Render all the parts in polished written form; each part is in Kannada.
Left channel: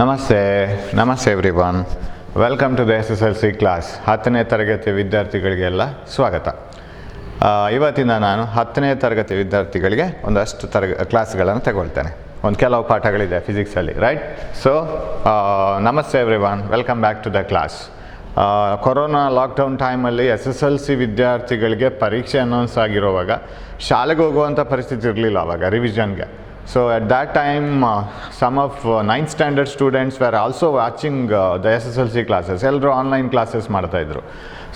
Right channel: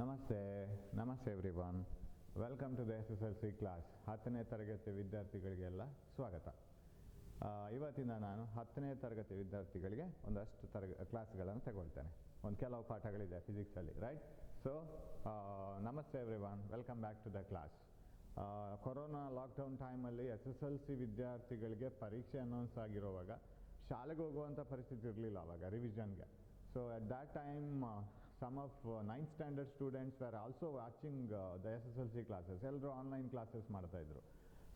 ನಮಸ್ತೆ everyone. Welcome to the SSLC class. 10ನೇ ತರಗತಿ ವಿದ್ಯಾರ್ಥಿಗಳಿಗೆಲ್ಲ ಸ್ವಾಗತ. ಇವತ್ತಿನ ನಾನು 10ನೇ ತರಗತಿ ವಿದ್ಯಾರ್ಥಿಗಳಿಗೆ ಒಂದಷ್ಟು ಕ್ಲಾಸ್ಗಳನ್ನು ತಗೊಳ್ತೇನೆ. ಒಂದು ಕೆಲವು ಪಾಠಗಳಿದೆ ಫಿಸಿಕ್ಸಲ್ಲಿ, ರೈಟ್? ಸೊ ನಮಸ್ತೆ everyone, welcome back to the class. Corona lockdown ಟೈಮಲ್ಲಿ SSLC ವಿದ್ಯಾರ್ಥಿಗಳಿಗೆ ಪರೀಕ್ಷೆ ಅನೌನ್ಸ್ ಆಗಿರುವಾಗ ಶಾಲೆಗೆ ಹೋಗುವಂಥ ಪರಿಸ್ಥಿತಿ ಇರಲಿಲ್ಲ ಆವಾಗ ರಿವಿಷನ್ಗೆ. So at that time, some of 9th standard students were also watching the SSLC classes. Ellaru online classes ಮಾಡ್ತಾ ಇದ್ರು.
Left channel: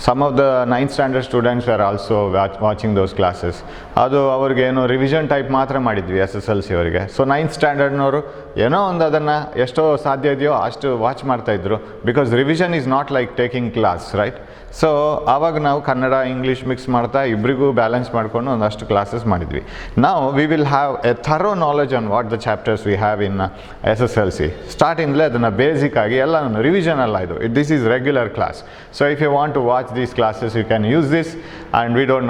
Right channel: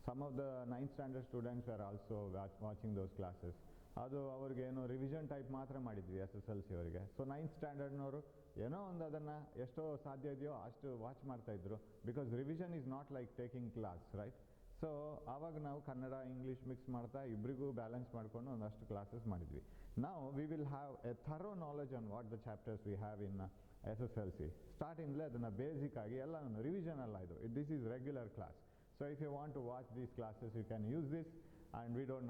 Some of the 9th standard students were also watching those classes. ಅದು ಅವ್ರಿಗೆ ಏನೋ ರಿವಿಷನ್ ಟೈಪ್ ಮಾತ್ರ ಮಾಡಿದ್ವಿ SSLC ಅವರಿಗೆ. ಸೊ 9th ಸ್ಟ್ಯಾಂಡರ್ಡ್ನವರು ಏನೋ ಒಂದು ಅದನ್ನು ಎಷ್ಟೋ ಸಾಧ್ಯ ಇದೆಯೋ ಅಷ್ಟು ವಾಚ್ ಮಾಡ್ತಾಯಿದ್ರು. Because revision is not like taking class, right? So ಆವಾಗ ನಾವು ಕನ್ನಡ ಇಂಗ್ಲೀಷ್ ಮಿಕ್ಸ್ ಮಾಡ್ತಾ ಇಬ್ಬರಿಗೂ ಬ್ಯಾಲೆನ್ಸ್ ಮಾಡಿಕೊಂಡು ಒಂದಷ್ಟು ಕ್ಲಾಸಸ್ ಮಾಡಿದ್ವಿ. ನಾವು we will have a thorough knowledge on what the chapters we have in SSLC. ಸ್ಟಾರ್ಟಿಂಗ್ಲೇ ಅದನ್ನು ಬೇಸಿಕ್ ಆಗಿ ಎಲ್ಲ ರಿವಿಷನ್ ಅಲ್ಲ ಇದು. This is regular class. So if you want to watch these classes you can use this and we don't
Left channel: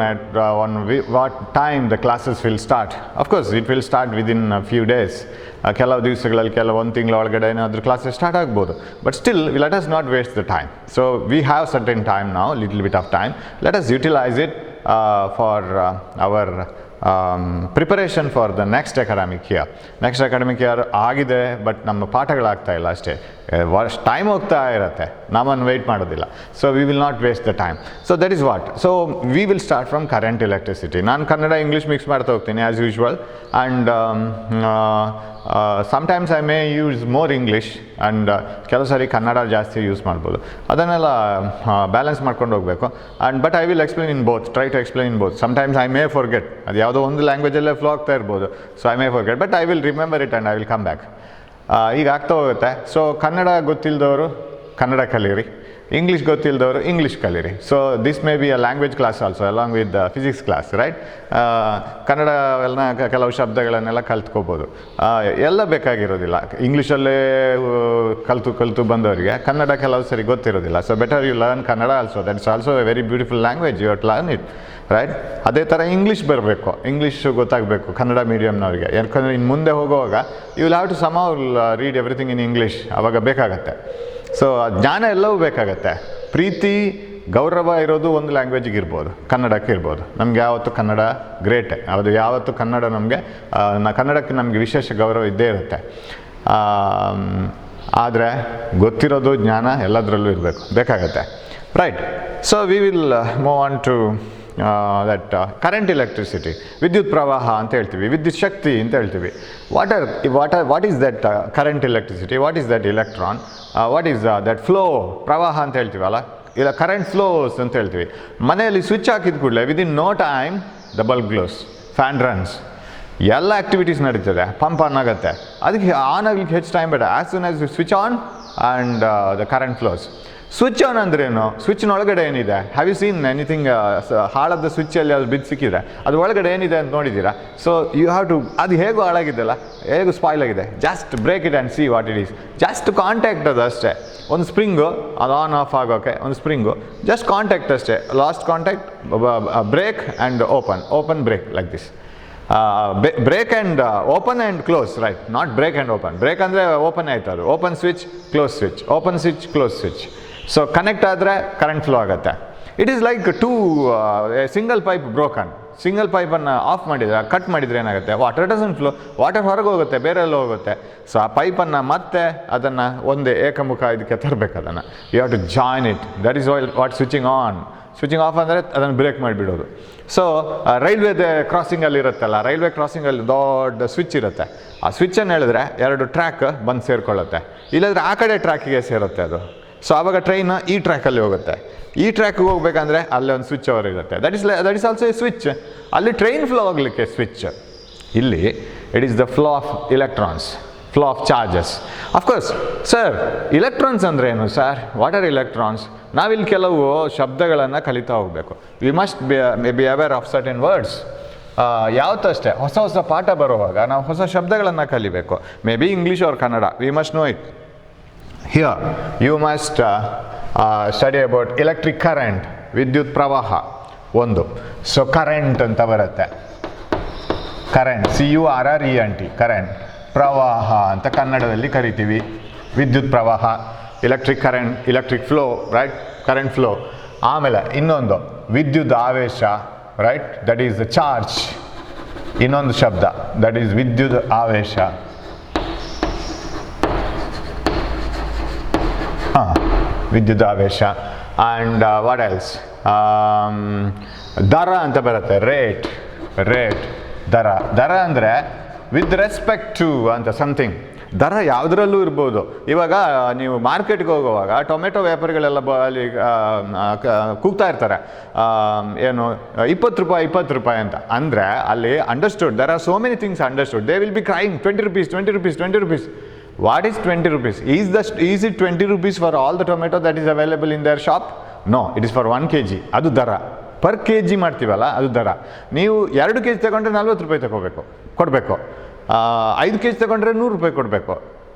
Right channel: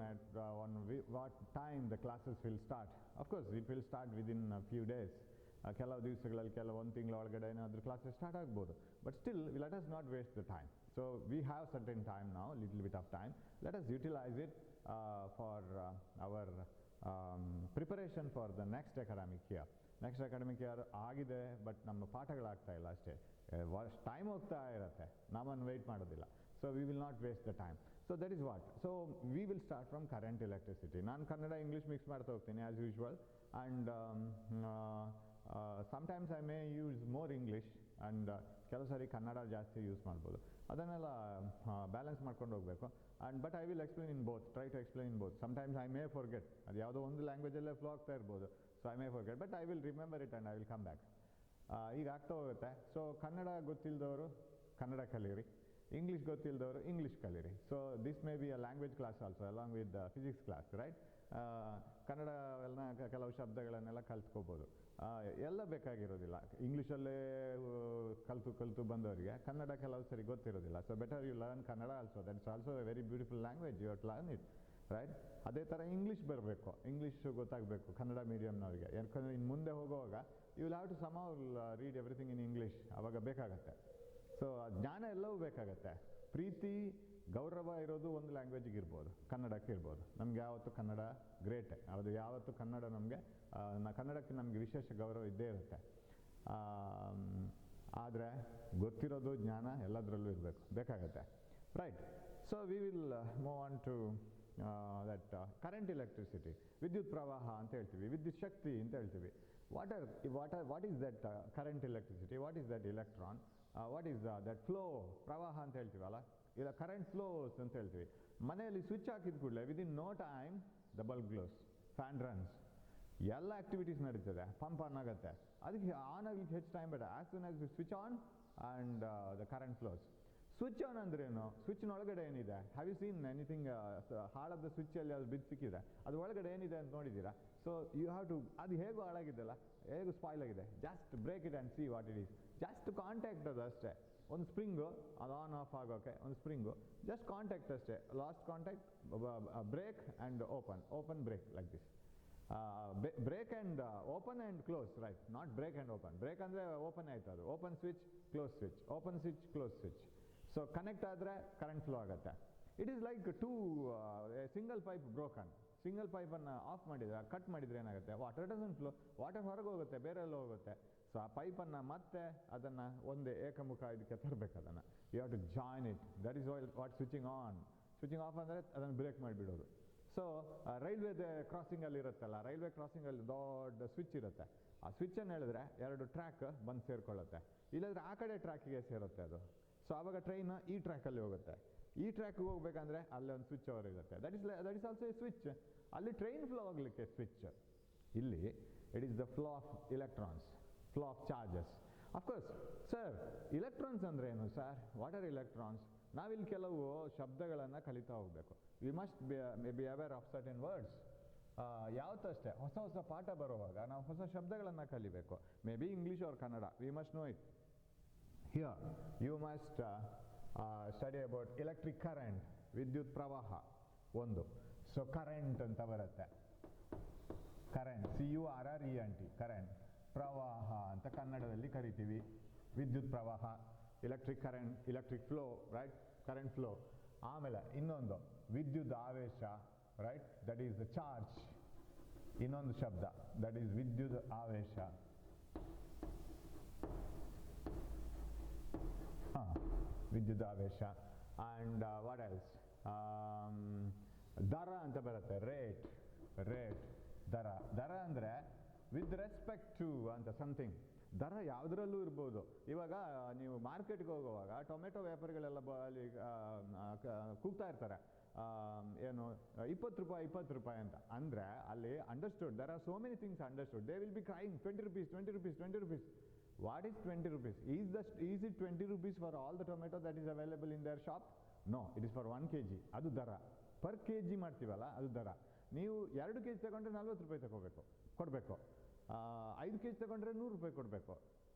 know what time the classes will start. Of course it will start within few days. ಕೆಲವು ದಿವಸಗಳಲ್ಲಿ ಒಂದು ತಿಂಗಳ ಒಳಗಡೆ ಏನಾದರೂ ಕ್ಲಾಸಸ್ ಸ್ಟಾರ್ಟ್ ಆಗ್ಬೋದು. But still let us not waste the time. So we have certain time now, little bit of time. Let us utilize it for our preparation for the next academic year. Next academic year ಆಗಿದೆ, ಬಟ್ ನಮ್ಮ ಪಾಠಗಳಾಗ್ತಾ ಇಲ್ಲ ಅಷ್ಟೇ. ಟೈಮ್ ಹೋಗ್ತಾ ಇರುತ್ತೆ, ನಮ್ಮನ್ನು ವೆಯ್ಟ್ ಮಾಡೋದಿಲ್ಲ. So we will not waste the time. So that is what. So we will start from current electricity. ನಾನು ಕನ್ನಡ ಇಂಗ್ಲೀಷ್ ಮಿಕ್ಸ್ ಮಾಡ್ತಾ ಹೋಗ್ತೀನಿ as usual. And sometimes I may use more English and ಕೆಲವು ಸಾರಿ ಕನ್ನಡ ಜಾಸ್ತಿ ಯೂಸ್ ಮಾಡ್ಬೋದು. ಅದನ್ನೆಲ್ಲ ಬ್ಯಾಲೆನ್ಸ್ ಮಾಡ್ಕೊಂಡು ಹೋಗಬೇಕು. And but I will explain in both, try to explain in both. Sometimes I may forget, ಅದು ಯಾವುದೋ ಒಂದು ಲ್ಯಾಂಗ್ವೇಜಲ್ಲೇ ಫ್ಲೋ ಆಗ್ತಾ ಇರ್ಬೋದು. So I may forget, but I will remember it and I will come back. ಈಗ ಆಗ್ತಾ ಹೋಗುತ್ತೆ. ಸೊ ಕನ್ನಡ ಗೊತ್ತಿಲ್ಲದವರು ಕನ್ನಡ ಕಲೀರಿ, ಇಂಗ್ಲೀಷ್ ಗೊತ್ತಿಲ್ಲದವರು ಇಂಗ್ಲೀಷ್ ಕಲೀರಿ. So this may be a language class also along with physics class, right? Kannada ಎಲ್ಲ ಕೆಲವು ಶಬ್ದಗಳನ್ನೆಲ್ಲ ಕಲ್ತ್ಕೋಬೋದು. ಎಲ್ಲ ಬೇಕಾಗಿರೋದಿಲ್ಲ. ಇಂಗ್ಲೀಷಲ್ಲೇ ಕಲಿತು ಬಂದವರಿಗೆ ಕನ್ನಡ ಕೆಲವು ಸರಿ ಗೊತ್ತಿರೋದಿಲ್ಲ. So better you learn Kannada also. That is also a very beautiful language. You have to learn it, right? ಅದೇ ಥರ ಇಂಗ್ಲೀಷ್ ಬರಬೇಕು, ಇಂಗ್ಲೀಷು ಗೊತ್ತಾಗಬೇಕು ಕನ್ನಡ ಮೀಡಿಯಮ್ನವ್ರಿಗೆ. ಯಾಕಂದರೆ ಇನ್ನು ಮುಂದೆ ಹೋಗುವಾಗ you will have to somehow read everything in English. ಆವಾಗ ಬೇಕಾಗತ್ತೆ. ಸೊ ಜ್ಞಾನ ಎಲ್ಲವೂ ಬೇಕಾಗತ್ತೆ. ಪ್ರೀತಿ ಗೌರವ ಇರೋದು ಒಂದು ಲ್ಯಾಂಗ್ವೇಜಿಗೆ ಇರ್ಬೋದು, ಕನ್ನಡಕ್ಕೆ ಇರ್ಬೋದು. ನಮ್ಗೆ ಯಾವತ್ತು ಕನ್ನಡ ಗ್ರೇಟ್, ಅದು ಯಾವತ್ತು ಕನ್ನಡ ನಮಗೆ ಕನ್ನಡಕ್ಕೆ ನಮಗೆ ವಿಶೇಷ ಗೌರವ ಇದ್ದೇ ಇರುತ್ತೆ. ಆದರೆ ಗೊತ್ತಿರೋದು ಜ್ಞಾನ ಎಲ್ಲದರಲ್ಲೂ ಇರಬೇಕು, ಬೇಕಾಗತ್ತೆ, right? So we will move on to that current electricity. ವಿದ್ಯುತ್ ಪ್ರವಾಹ ಅಂತ ಹೇಳ್ತೀವಿ, ವಿದ್ಯುತ್ ಶಕ್ತಿ ಅಂತ ಹೇಳ್ತೀವಿ. What is that current electricity? What is that electron? What is that flow? ಪ್ರವಾಹ ಅಂತ ಹೇಳ್ತೀವಲ್ಲ, ಇಲ್ಲ ಕರೆಂಟ್ ಫ್ಲೋಸ್ ಅಂತ ಹೇಳ್ತೀವಿ. ಮನೆಯಲ್ಲಿ ಸ್ವಿಚ್ ಹಾಕಿದ ಕೂಡಲೇ within no time the bulb glows, fan runs, ಎಲ್ಲ ಆ್ಯಕ್ಟಿವಿಟೀಸ್ ನಡೀತದೆ, ಪಂಪ್ ಆನ್ ಆಗುತ್ತೆ. ಅದಕ್ಕೆ ಆನ್ ಆಗಲಿಕ್ಕೆ ಹೆಚ್ಚು ಟೈಮ್ ಬೇಡ. As soon as switch on and the current flows. Switch on ಅಂದ್ರೇನು? ಸ್ವಿಚ್ನೊಳಗಡೆ ಏನಿದೆ? Have you seen anything? ಹಾಳಾದ ಸ್ವಿಚ್ಚಲ್ಲಿ ಅದು ಬಿದ್ದು ಸಿಕ್ಕಿದ್ರೆ ಅದು ಒಳಗಡೆ ಏನಿದೆ ಅಂತ ನೋಡಿದ್ದೀರಾ? ಸೊ ಯು ಹ್ಯಾವ್ ಟು, ಅದು ಹೇಗೂ ಹಾಳಾಗಿದ್ದಲ್ಲ, ಹೇಗೂ ಸ್ಪಾಯ್ಲ್ ಆಗಿದೆ, just break it and see what it is. Just contact ಅದು ಅಷ್ಟೇ. ಒಂದು ಸ್ಪ್ರಿಂಗು, ಅದು ಆನ್ ಆಫ್ ಆಗೋಕ್ಕೆ ಒಂದು ಸ್ಪ್ರಿಂಗು, ಜಸ್ಟ್ ಕಾಂಟ್ಯಾಕ್ಟ್ ಅಷ್ಟೇ. Last contact, break and open break like this. Break and open and close, right? Not break and open. Break ಅಂದರೆ ಓಪನ್ ಆಯ್ತು, ಅದು open switch, close switch, open switch, close switch. So connect ಆದರೆ ಕರೆಂಟ್ ಫ್ಲೋ ಆಗುತ್ತೆ. It is like single pipe broken. Single ಪೈಪನ್ನು ಆಫ್ ಮಾಡಿದರೆ, ಕಟ್ ಮಾಡಿದರೆ ಏನಾಗುತ್ತೆ? Water doesn't flow. ವಾಟರ್ ಹೊರಗೆ ಹೋಗುತ್ತೆ, ಬೇರೆ ಎಲ್ಲ ಹೋಗುತ್ತೆ. ಸೊ ಆ ಪೈಪನ್ನು ಮತ್ತೆ ಅದನ್ನು ಒಂದೇ ಏಕಮುಖ ಇದಕ್ಕೆ ತರಬೇಕು. ಅದನ್ನು you have to join it. That is what switching on. Switching off ಅಂದರೆ ಅದನ್ನು ಬ್ರೇಕ್ ಮಾಡಿಬಿಡೋದು. ಸೊ ರೈಲ್ವೇದೇ ಕ್ರಾಸಿಂಗಲ್ಲಿ ಇರುತ್ತಲ್ಲ, ರೈಲ್ವೆ ಕ್ರಾಸಿಂಗಲ್ಲಿ ದೊಡ್ಡ ಸ್ವಿಚ್ ಇರುತ್ತೆ. ಆ ಸ್ವಿಚ್ಚನ್ನು ಹೇಳಿದ್ರೆ 2 ಟ್ರ್ಯಾಕ್ ಬಂದು ಸೇರಿಕೊಳ್ಳುತ್ತೆ, ಇಲ್ಲಾಂದರೆ ಆ ಕಡೆ ಟ್ರ್ಯಾಕಿಗೆ ಸೇರುತ್ತೆ ಅದು. ಸೊ ಆವಾಗ ಟ್ರೈನ್ ಈ ಟ್ರ್ಯಾಕಲ್ಲಿ ಹೋಗುತ್ತೆ. ಈ ಟ್ರ್ಯಾಕ್ಗೆ ಹೋಗ್ಬೇಕಂದ್ರೆ ಅಲ್ಲೇ ಒಂದು ಸ್ವಿಚ್ ಓವರ್ ಇರುತ್ತೆ. That is also A switch. ಅಲ್ಲಿ ಟ್ರೈನ್ ಫ್ಲೋ ಆಗಲಿಕ್ಕೆ ಸ್ವಿಚ್. ಇಲ್ಲಿ it is the flow of electrons, flow of charges. Of course sir, electrons ಅಂದರೆ ಏನು ಸರ್? What are electrons? ನಾವಿಲ್ಲಿ ಕೆಲವು ಶಬ್ದಗಳನ್ನು ಕಲಿತಾ ಹೋಗಬೇಕು. We must be aware of certain words. ಯಾವತ್ತೂ ಅಷ್ಟೇ, ಹೊಸ ಪಾಠ ಬರುವಾಗ ನಾವು ಹೊಸ ಶಬ್ದಗಳನ್ನು ಕಲಿಬೇಕು. May be English or Kannada, we must know it. Here you must study about electric current, ವಿದ್ಯುತ್ ಪ್ರವಾಹ ಒಂದು. ಸೊ ಕರೆಂಟ್ ಅಂತ ಬರುತ್ತೆ, ಕರೆಂಟ್, CURRENT, ಕರೆಂಟ್. ಪ್ರವಾಹ ಅಂತ ಕನ್ನಡದಲ್ಲಿ ಕರಿತೀವಿ. ವಿದ್ಯುತ್ ಪ್ರವಾಹ, electric current, electric flow, right, current flow. ಆಮೇಲೆ ಇನ್ನೊಂದು ವಿದ್ಯುತ್ ಆವೇಶ, right, that is the charge. ಇನ್ನೊಂದು ಶಬ್ದ ದಟ್ ಈಸ್ ವಿದ್ಯುತ್ ಆವೇಶ. ವಿದ್ಯುತ್ ಆವೇಶ. ಆ್ಯಂಡ್ ವಾಟ್ ಎಲ್ಸ್, ದರ ಅಂತ ಬರುತ್ತೆ, ರೇಟ್, ದರ ಅಂದರೆ ವಿತ್ ರೆಸ್ಪೆಕ್ಟ್ ಟು ಅಂತ ಸಮಥಿಂಗ್. ದರ ಯಾವುದರಲ್ಲೂ ಇರ್ಬೋದು. ಇವಾಗ ನೀವು ಮಾರ್ಕೆಟ್ಗೆ ಹೋಗುವಾಗ ಟೊಮೆಟೊ ವ್ಯಾಪಾರಿಗಳೆಲ್ಲ ಅಲ್ಲಿ ಕೂಗ್ತಾ ಇರ್ತಾರೆ, ಏನು 20 ರೂಪಾಯಿ ಅಂತ. ಅಂದರೆ ಅಲ್ಲಿ understood, there are so many things understood. They will be crying 20 rupees. What is 20 rupees? Is it 20 rupees for all the tomato that is available in their shop? No, it is for 1 kg. ಅದು ದರ. ಪರ್ ಕೆ ಜಿ ಮಾಡ್ತೀವಲ್ಲ ಅದು ದರ. ನೀವು 2 kg ತಗೊಂಡ್ರೆ 40 ರೂಪಾಯಿ ಕೊಡಬೇಕು. 5 kg ತಗೊಂಡ್ರೆ 100 ರೂಪಾಯಿ ಕೊಡಬೇಕು.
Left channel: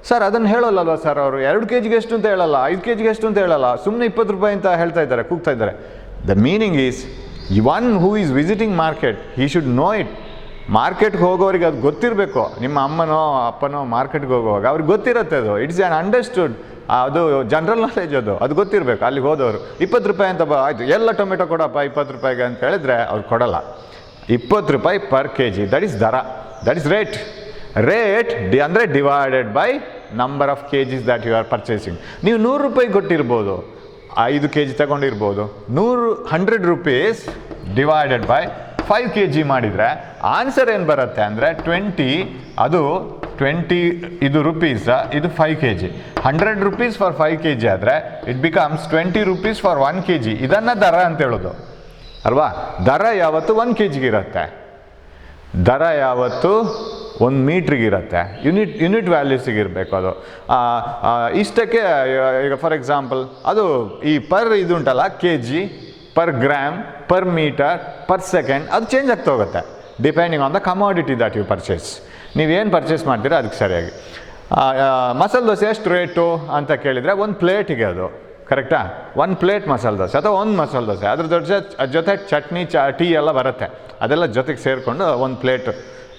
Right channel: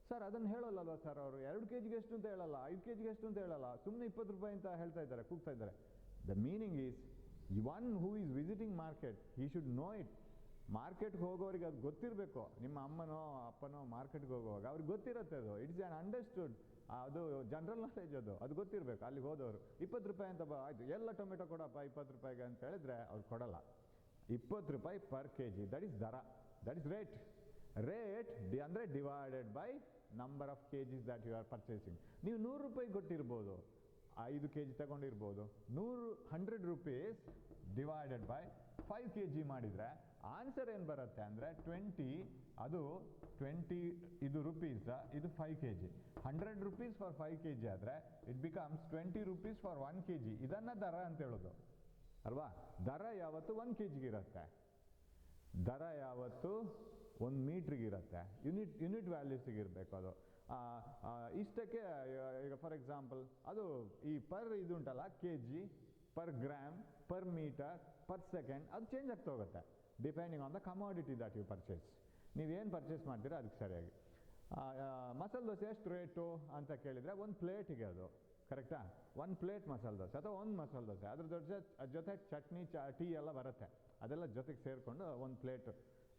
ಸರ್ ಅದನ್ನು ಹೇಳೋಲ್ಲಲ್ವ ಸರ್ ಅವರು? 2 kg ಎಷ್ಟು ಅಂತ ಹೇಳಲ್ಲ, 5 kg ಎಷ್ಟು ಅಂತ ಹೇಳಲ್ಲ, ಸುಮ್ಮನೆ 20 ರೂಪಾಯಿ ಅಂತ ಹೇಳ್ತಾ ಇದ್ದಾರೆ, ಕೂಗ್ತಾ ಇದ್ದಾರೆ. The meaning is, one who is visiting market, he should know it. ಮಾರ್ಕೆಟ್ಗೆ ಹೋಗೋರಿಗೆ ಅದು ಗೊತ್ತಿರಬೇಕು. ನಿಮ್ಮ ಅಮ್ಮನೋ ಅಪ್ಪನೋ ಮಾರ್ಕೆಟ್ಗೆ ಹೋಗುವಾಗ ಅವ್ರಿಗೆ ಗೊತ್ತಿರುತ್ತೆ ಅದು. It's an understood. ಅದು ಜನರಲ್ ನಾಲೆಜ್, ಅದು ಗೊತ್ತಿರಬೇಕು. ಅಲ್ಲಿಗೆ ಹೋದವರು 20 ರೂಪಾಯಿ ಅಂತ ಆಯಿತು, ಎಲ್ಲ ಟೊಮೆಟೊ ಕೊಡಪ್ಪ 20 ರೂಪಾಯಿಗೆ ಅಂತ ಹೇಳಿದ್ರೆ ಅವ್ರು ಕೊಡಲ್ಲ. 20 ರೂಪಾಯಿ per K G, that is ದರ, ದಟ್ ಈಸ್ ರೇಟ್. ಅಂದರೆ divided by number of K Gs that you are purchasing. ನೀವು 100 ರೂಪಾಯಿ ಕೊಟ್ಟಿರ್ಬೋದು, 5 kg ತಗೊಂಡಿರ್ಬೋದು. 100 ರೂಪೀಸ್ ಡಿವೈಡೆಡ್ ಬೈ 5 kg ಮಾಡಿದರೆ ಆನ್ಸರ್ ಏನು ಬರುತ್ತೆ ಅಂದರೆ 20. ಅದು 20 ಇದು ರುಪೀಸ್, ಇದು 5 kg. 100 rupees ಫಾರ್ 5 kg ಆದರೆ it becomes 20 rupees for 1 kg. ಇದನ್ನು ದರ ಅಂತ ಹೇಳೋದು ಅಲ್ವಾ? ದರ ಯಾವತ್ತು 1 kg ಇರುತ್ತೆ, ದರ ಯಾವತ್ತು 1 ಮೀಟ್ರಿಗೆ ಇರುತ್ತೆ. ಯೂನಿಟ್ ವ್ಯಾಲ್ಯೂಸಿಗಿರಬೇಕು ಅದು. ಇಷ್ಟಕ್ಕೆ ಈಗ ಫಾರ್ ಎಕ್ಸಾಂಪಲ್ ಅದು ಈ ಪರ್ ಇದು ಉಂಟಲ್ಲ, K G, per gram, per metre, per second, ಅದು ಚೇಂಜ್ ಆಗ್ತಾ ಹೋಗುತ್ತೆ depending on the commodity that you purchase. ನೀವೇನು ಪರ್ಚೇಸ್ ಮಾಡ್ತೀರಾ ಅದಕ್ಕೆ ಸರಿಯಾಗಿ. ಮಸಾಲೆ ದೋಸೆ ಎಷ್ಟು ರೇಟು ಅಂತ ಕೇಳಿದರೆ 1 ಪ್ಲೇಟಿಗೆ ಅದು ಕರೆಕ್ಟಾ? 1 ಪ್ಲೇಟ್ ಮಸಾಲೆ ದೋಸೆ ಅಥವಾ 1 ಮಸಾಲೆ ದೋಸೆ, ಅದ್ರ ಜೊತೆ ಚಟ್ನಿ ಟೀ ಎಲ್ಲ ಬರುತ್ತೆ, ಅದೆಲ್ಲ ಜೊತೆಗೆ ಸೇರಿಕೊಂಡು 1 ಪ್ಲೇಟ್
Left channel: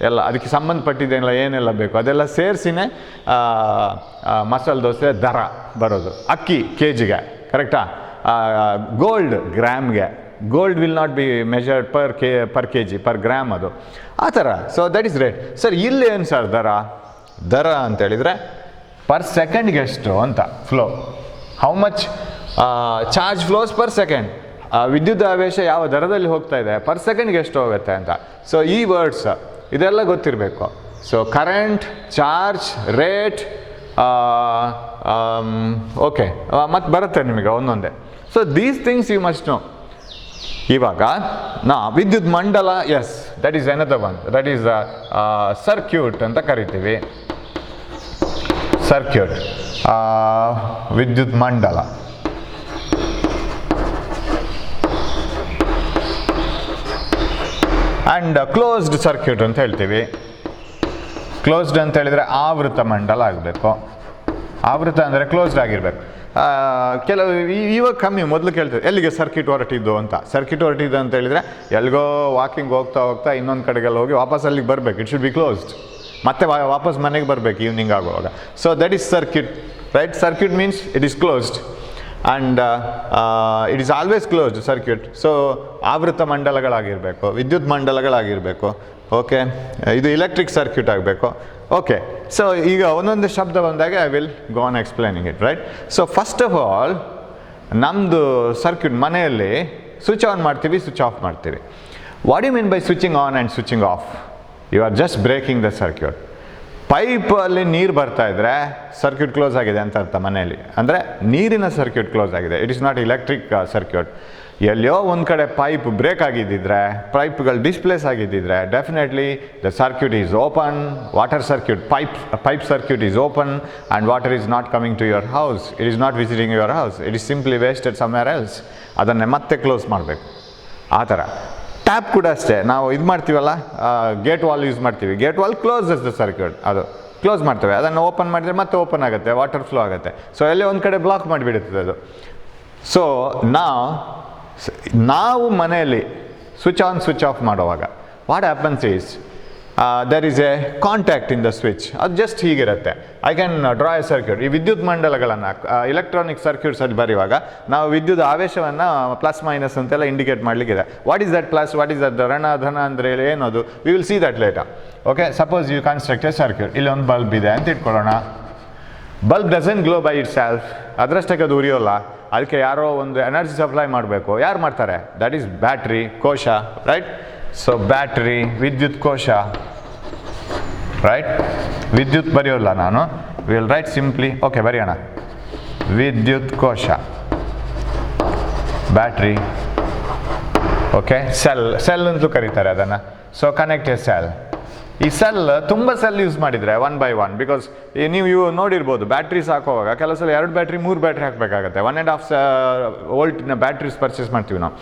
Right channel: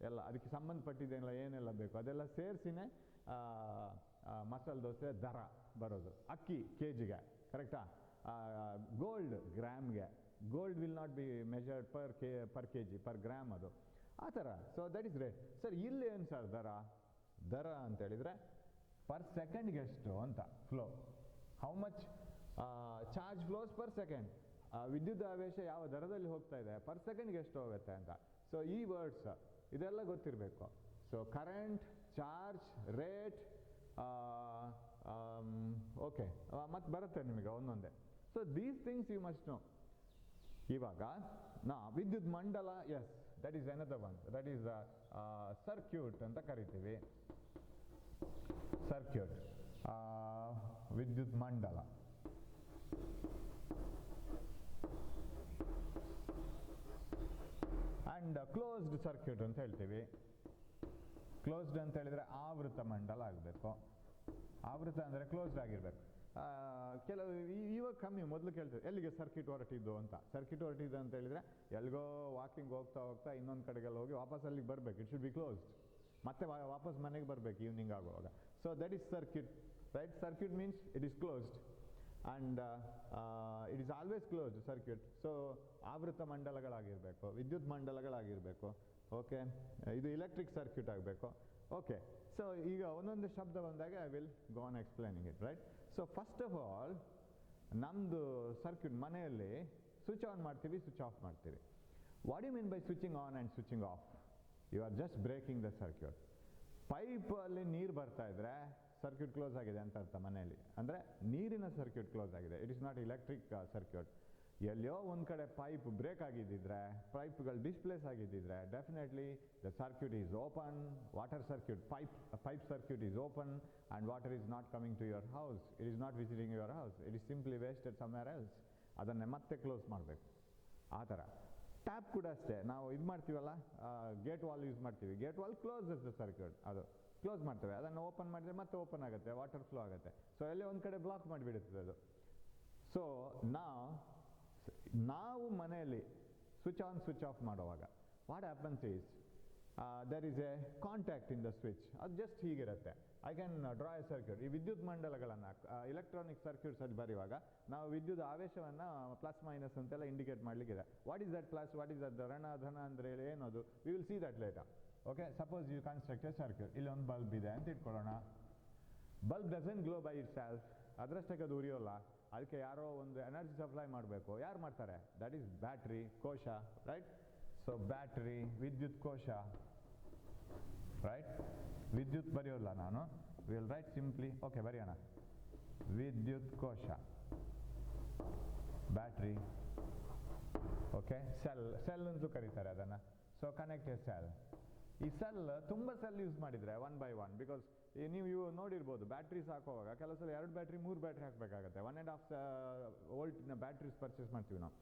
ಎಲ್ಲ ಅದಕ್ಕೆ ಸಂಬಂಧಪಟ್ಟಿದ್ದೆಲ್ಲ ಏನೆಲ್ಲ ಬೇಕು ಅದೆಲ್ಲ ಸೇರಿಸಿನೇ ಮಸಾಲೆ ದೋಸೆ ದರ ಬರೋದು. ಅಕ್ಕಿ ಕೆ ಜಿಗೆ ಕರೆಕ್ಟಾ? ಗೋಲ್ಡ್ ಗ್ರಾಮ್ಗೆ. Gold will not be measured per K G, per gram ಅದು ಆ ಥರ. So that is rate. Sir ಇಲ್ಲಿ ಏನು ಸರ್ ದರ ಅಂತೇಳಿದರೆ ಪರ್ ಸೆಕೆಂಡ್ಗೆ ಎಷ್ಟು ಅಂತ flow, how much charge flows per second. ವಿದ್ಯುತ್ ಆವೇಶ ಯಾವ ದರದಲ್ಲಿ ಹೋಗ್ತಾ ಇದೆ, ಪರ್ ಸೆಕೆಂಡ್ಗೆ ಎಷ್ಟು ಹೋಗುತ್ತೆ ಅಂತ. ಸೊ ಈ ವರ್ಡ್ಸ್ ಇದೆಲ್ಲ ಗೊತ್ತಿರಬೇಕು. So current, charge, rate, okay, ಮತ್ತು ಬರುತ್ತೆ ನಿಮಗೆ ಒಂದೊಂದೇ. So these things you must know. ಇವಾಗ ವಿದ್ಯುತ್ ಮಂಡಲ, yes, that is another one, that is circuit ಅಂತ ಕರಿತೀವಿ. ಸರ್ಕ್ಯೂಟ್, ವಿದ್ಯುತ್ ಮಂಡಲ. ಆ್ಯಂಡ್ ಕ್ಲೋಸ್ಡ್ ಸರ್ಕ್ಯೂಟ್ ಅಂತ ಹೇಳ್ತೀವಿ. ಕ್ಲೋಸ್ಡ್ ಅಂತ ಹೇಳಿದರೆ ಆವೃತ ಮಂಡಲ ಆಗಬೇಕು. ಆವೃತ ಅಂದರೆ ಕ್ಲೋಸ್ಡ್ ಆಗಿರಬೇಕು. ಕೆಲವು ಇವಾಗ ಕಮ್ಮಿ, ಮೊದಲು ಕೇಳ್ತೀವಿ ಎಲ್ಲಿಗೆ ಸರ್ಕ್ಯೂಟ್ ಹೊರಟಿದ್ದು ಅಂತ. ಸರ್ಕ್ಯೂಟ್ ಹೊರಟಿದ್ದು ಅಂತ ಹೇಳಿದರೆ ಎಲ್ಲಿಗೋ ವಾಕಿಂಗ್ ಹೋಗ್ತಾ ಇನ್ನೊಂದು ಕಡೆಗೆಲ್ಲ ಹೋಗಿ ವಾಪಸ್ ಅಲ್ಲಿಗೆ ಬರಬೇಕು. It should be closed. ಮತ್ತೆ ವಾಪಸ್ ಮನೆಗೆ ಬರಬೇಕು ಈವ್ನಿಂಗ್ ಆಗುವಾಗ. So that is circuit, right? Circuit means it is closed and it is always closed circuit. So ಆವೃತ ಮಂಡಲಗಳಾಗಿರಬೇಕು, ವಿದ್ಯುತ್ ಮಂಡಲಗಳಾಗಿರಬೇಕು. ಓಕೆ, ಇದು ಎಲೆಕ್ಟ್ರಿಕ್ ಸರ್ಕ್ಯೂಟ್ ಆಗಬೇಕು. ಓಕೆ, ಸೊ ಈಗ ಒಂದೊಂದು ಶಬ್ದ ಬಂದಾಗ I will go on explaining it, right? So first of all ನಮ್ಮದು ಸರ್ಕ್ಯೂಟ್ ಮನೆಯಲ್ಲಿ ಸ್ವಿಚ್ ಆನ್ ಮಾಡ್ತೀವಿ, ಸ್ವಿಚ್ ಆಫ್ ಮಾಡ್ತೀವಿ. What you mean by switching on and switching off? You are just breaking the circuit. ಪೈಪಲ್ಲಿ ನೀರು ಬರ್ತಾ ಇದ್ದರೆ ಸರ್ಕ್ಯೂಟ್ ಕ್ಲೋಸ್ ಆಗಿದೆ ಅಂತ ಅರ್ಥ ಮನೆಯಲ್ಲಿ. ಅಂದರೆ ನೀರಿನ ಸರ್ಕ್ಯೂಟ್ ಕ್ಲೋಸ್ ಆಗಿದೆ, it is not electric circuit. ಎಲ್ಲಿಯೋ ಒಂದು ಕಡೆ ಪೈಪ್ ಬ್ರೇಕ್ ಆಗಿದ್ದಿದ್ರೆ, ಪೈಪ್ಗಳು ಡಿಸ್ಪ್ಲೇಸ್ ಆಗಿದ್ದಿದ್ರೆ, definitely the circuit is open. Water circuit, pipe circuit is open and water is not coming to your house. It is not visiting your house, it is simply wasted somewhere else. ಅದನ್ನೇ ಮತ್ತೆ ಕ್ಲೋಸ್ ಮಾಡಬೇಕು. ಆ ಥರ ಟ್ಯಾಪ್ ಕೂಡ ಅಷ್ಟೇ, ನಾವು ಇದು ಮಾಡ್ತೀವಲ್ಲ, ಗೇಟ್ ವಾಲ್ ಯೂಸ್ ಮಾಡ್ತೀವಿ. Gate wall closes the circuit, ಅದು ಕ್ಲೋಸ್ ಮಾಡ್ತೇವೆ. ಅದನ್ನು ಓಪನ್ ಮಾಡಿದರೆ ಮತ್ತೆ ಓಪನ್ ಆಗುತ್ತೆ, ವಾಟರ್ ಫ್ಲೋ ಆಗುತ್ತೆ. ಸೊ ಎಲ್ಲೇ ಒಂದು ಕಡೆ ಬ್ಲಾಕ್ ಮಾಡಿಬಿಡುತ್ತದೆ ಅದು. ಸೊ ನಾವು ಮನೆಯಲ್ಲಿ ಸ್ವಿಚ್ ಆನ್ ಸ್ವಿಚ್ ಆಫ್ ಮಾಡುವಾಗ what happens is, there is a contact in the switch. ಅದು ಜಸ್ಟ್ ಹೀಗಿರುತ್ತೆ. I can draw a circuit. ಈ ವಿದ್ಯುತ್ ಮಂಡಲಗಳನ್ನು ಇಲೆಕ್ಟ್ರಾನಿಕ್ ಸರ್ಕ್ಯೂಟ್ಸಲ್ಲಿ ಬರೆಯುವಾಗ ನಾವು ವಿದ್ಯುತ್ ಆವೇಶವನ್ನು ಪ್ಲಸ್ ಮೈನಸ್ ಅಂತೆಲ್ಲ ಇಂಡಿಕೇಟ್ ಮಾಡಲಿಕ್ಕಿದೆ. What is that plus, what is that ಋಣ ಧನ ಅಂದರೆ ಏನದು, we will see that later. Okay, suppose you construct a circuit. ಇಲ್ಲಿ ಒಂದು ಬಲ್ಬ್ ಇದೆ ಅಂತ ಇಟ್ಕೊಳ್ಳೋಣ. Bulb doesn't glow by itself, ಅದರಷ್ಟಕ್ಕೆ ಅದು ಉರಿಯೋಲ್ಲ. ಅದಕ್ಕೆ ಯಾರೋ ಒಂದು ಎನರ್ಜಿ ಸಪ್ಲೈ ಮಾಡಬೇಕು. ಯಾರು ಮಾಡ್ತಾರೆ? ದಟ್ ಈಸ್ ಬ್ಯಾಟ್ರಿ, ಕೋಶ, ರೈಟ್? ಸೊ ಬ್ಯಾಟ್ರಿ, ವಿದ್ಯುತ್ ಕೋಶ, ರೈಟ್? ವಿದ್ಯುತ್ ಬರೆಯೋಲ್ಲ ನಾನು, ವಿಲ್ ರೈಟ್ ಸಿಂಪ್ಲಿ. ಓಕೆ, ಬರೆಯೋಣ. ವಿದ್ಯುತ್ ಕೋಶ, ಬ್ಯಾಟ್ರಿ, ಓಕೆ, ಸೆಲ್ ಅಂತಲೂ ಕರೀತಾರೆ ಅದನ್ನು. So connect A cell. ಈ ಸೆಲ್ ತುಂಬ ಸೆಲ್ ಯೂಸ್ ಮಾಡಿದರೆ 1 by 1, ಬಿಕಾಸ್ ನೀವು ನೋಡಿರ್ಬೋದು ಬ್ಯಾಟ್ರೀಸ್ ಹಾಕೋವಾಗ ಕೆಲವು ಸಲ 2 ಬ್ಯಾಟ್ರಿ 3 ಬ್ಯಾಟ್ರಿ ಹಾಕಬೇಕಾಗತ್ತೆ. 1.5 ವೋಲ್ಟಿನ ಬ್ಯಾಟ್ರೀಸ್ ಪರ್ಚೇಸ್ ಮಾಡ್ತೀವಿ ನಾವು.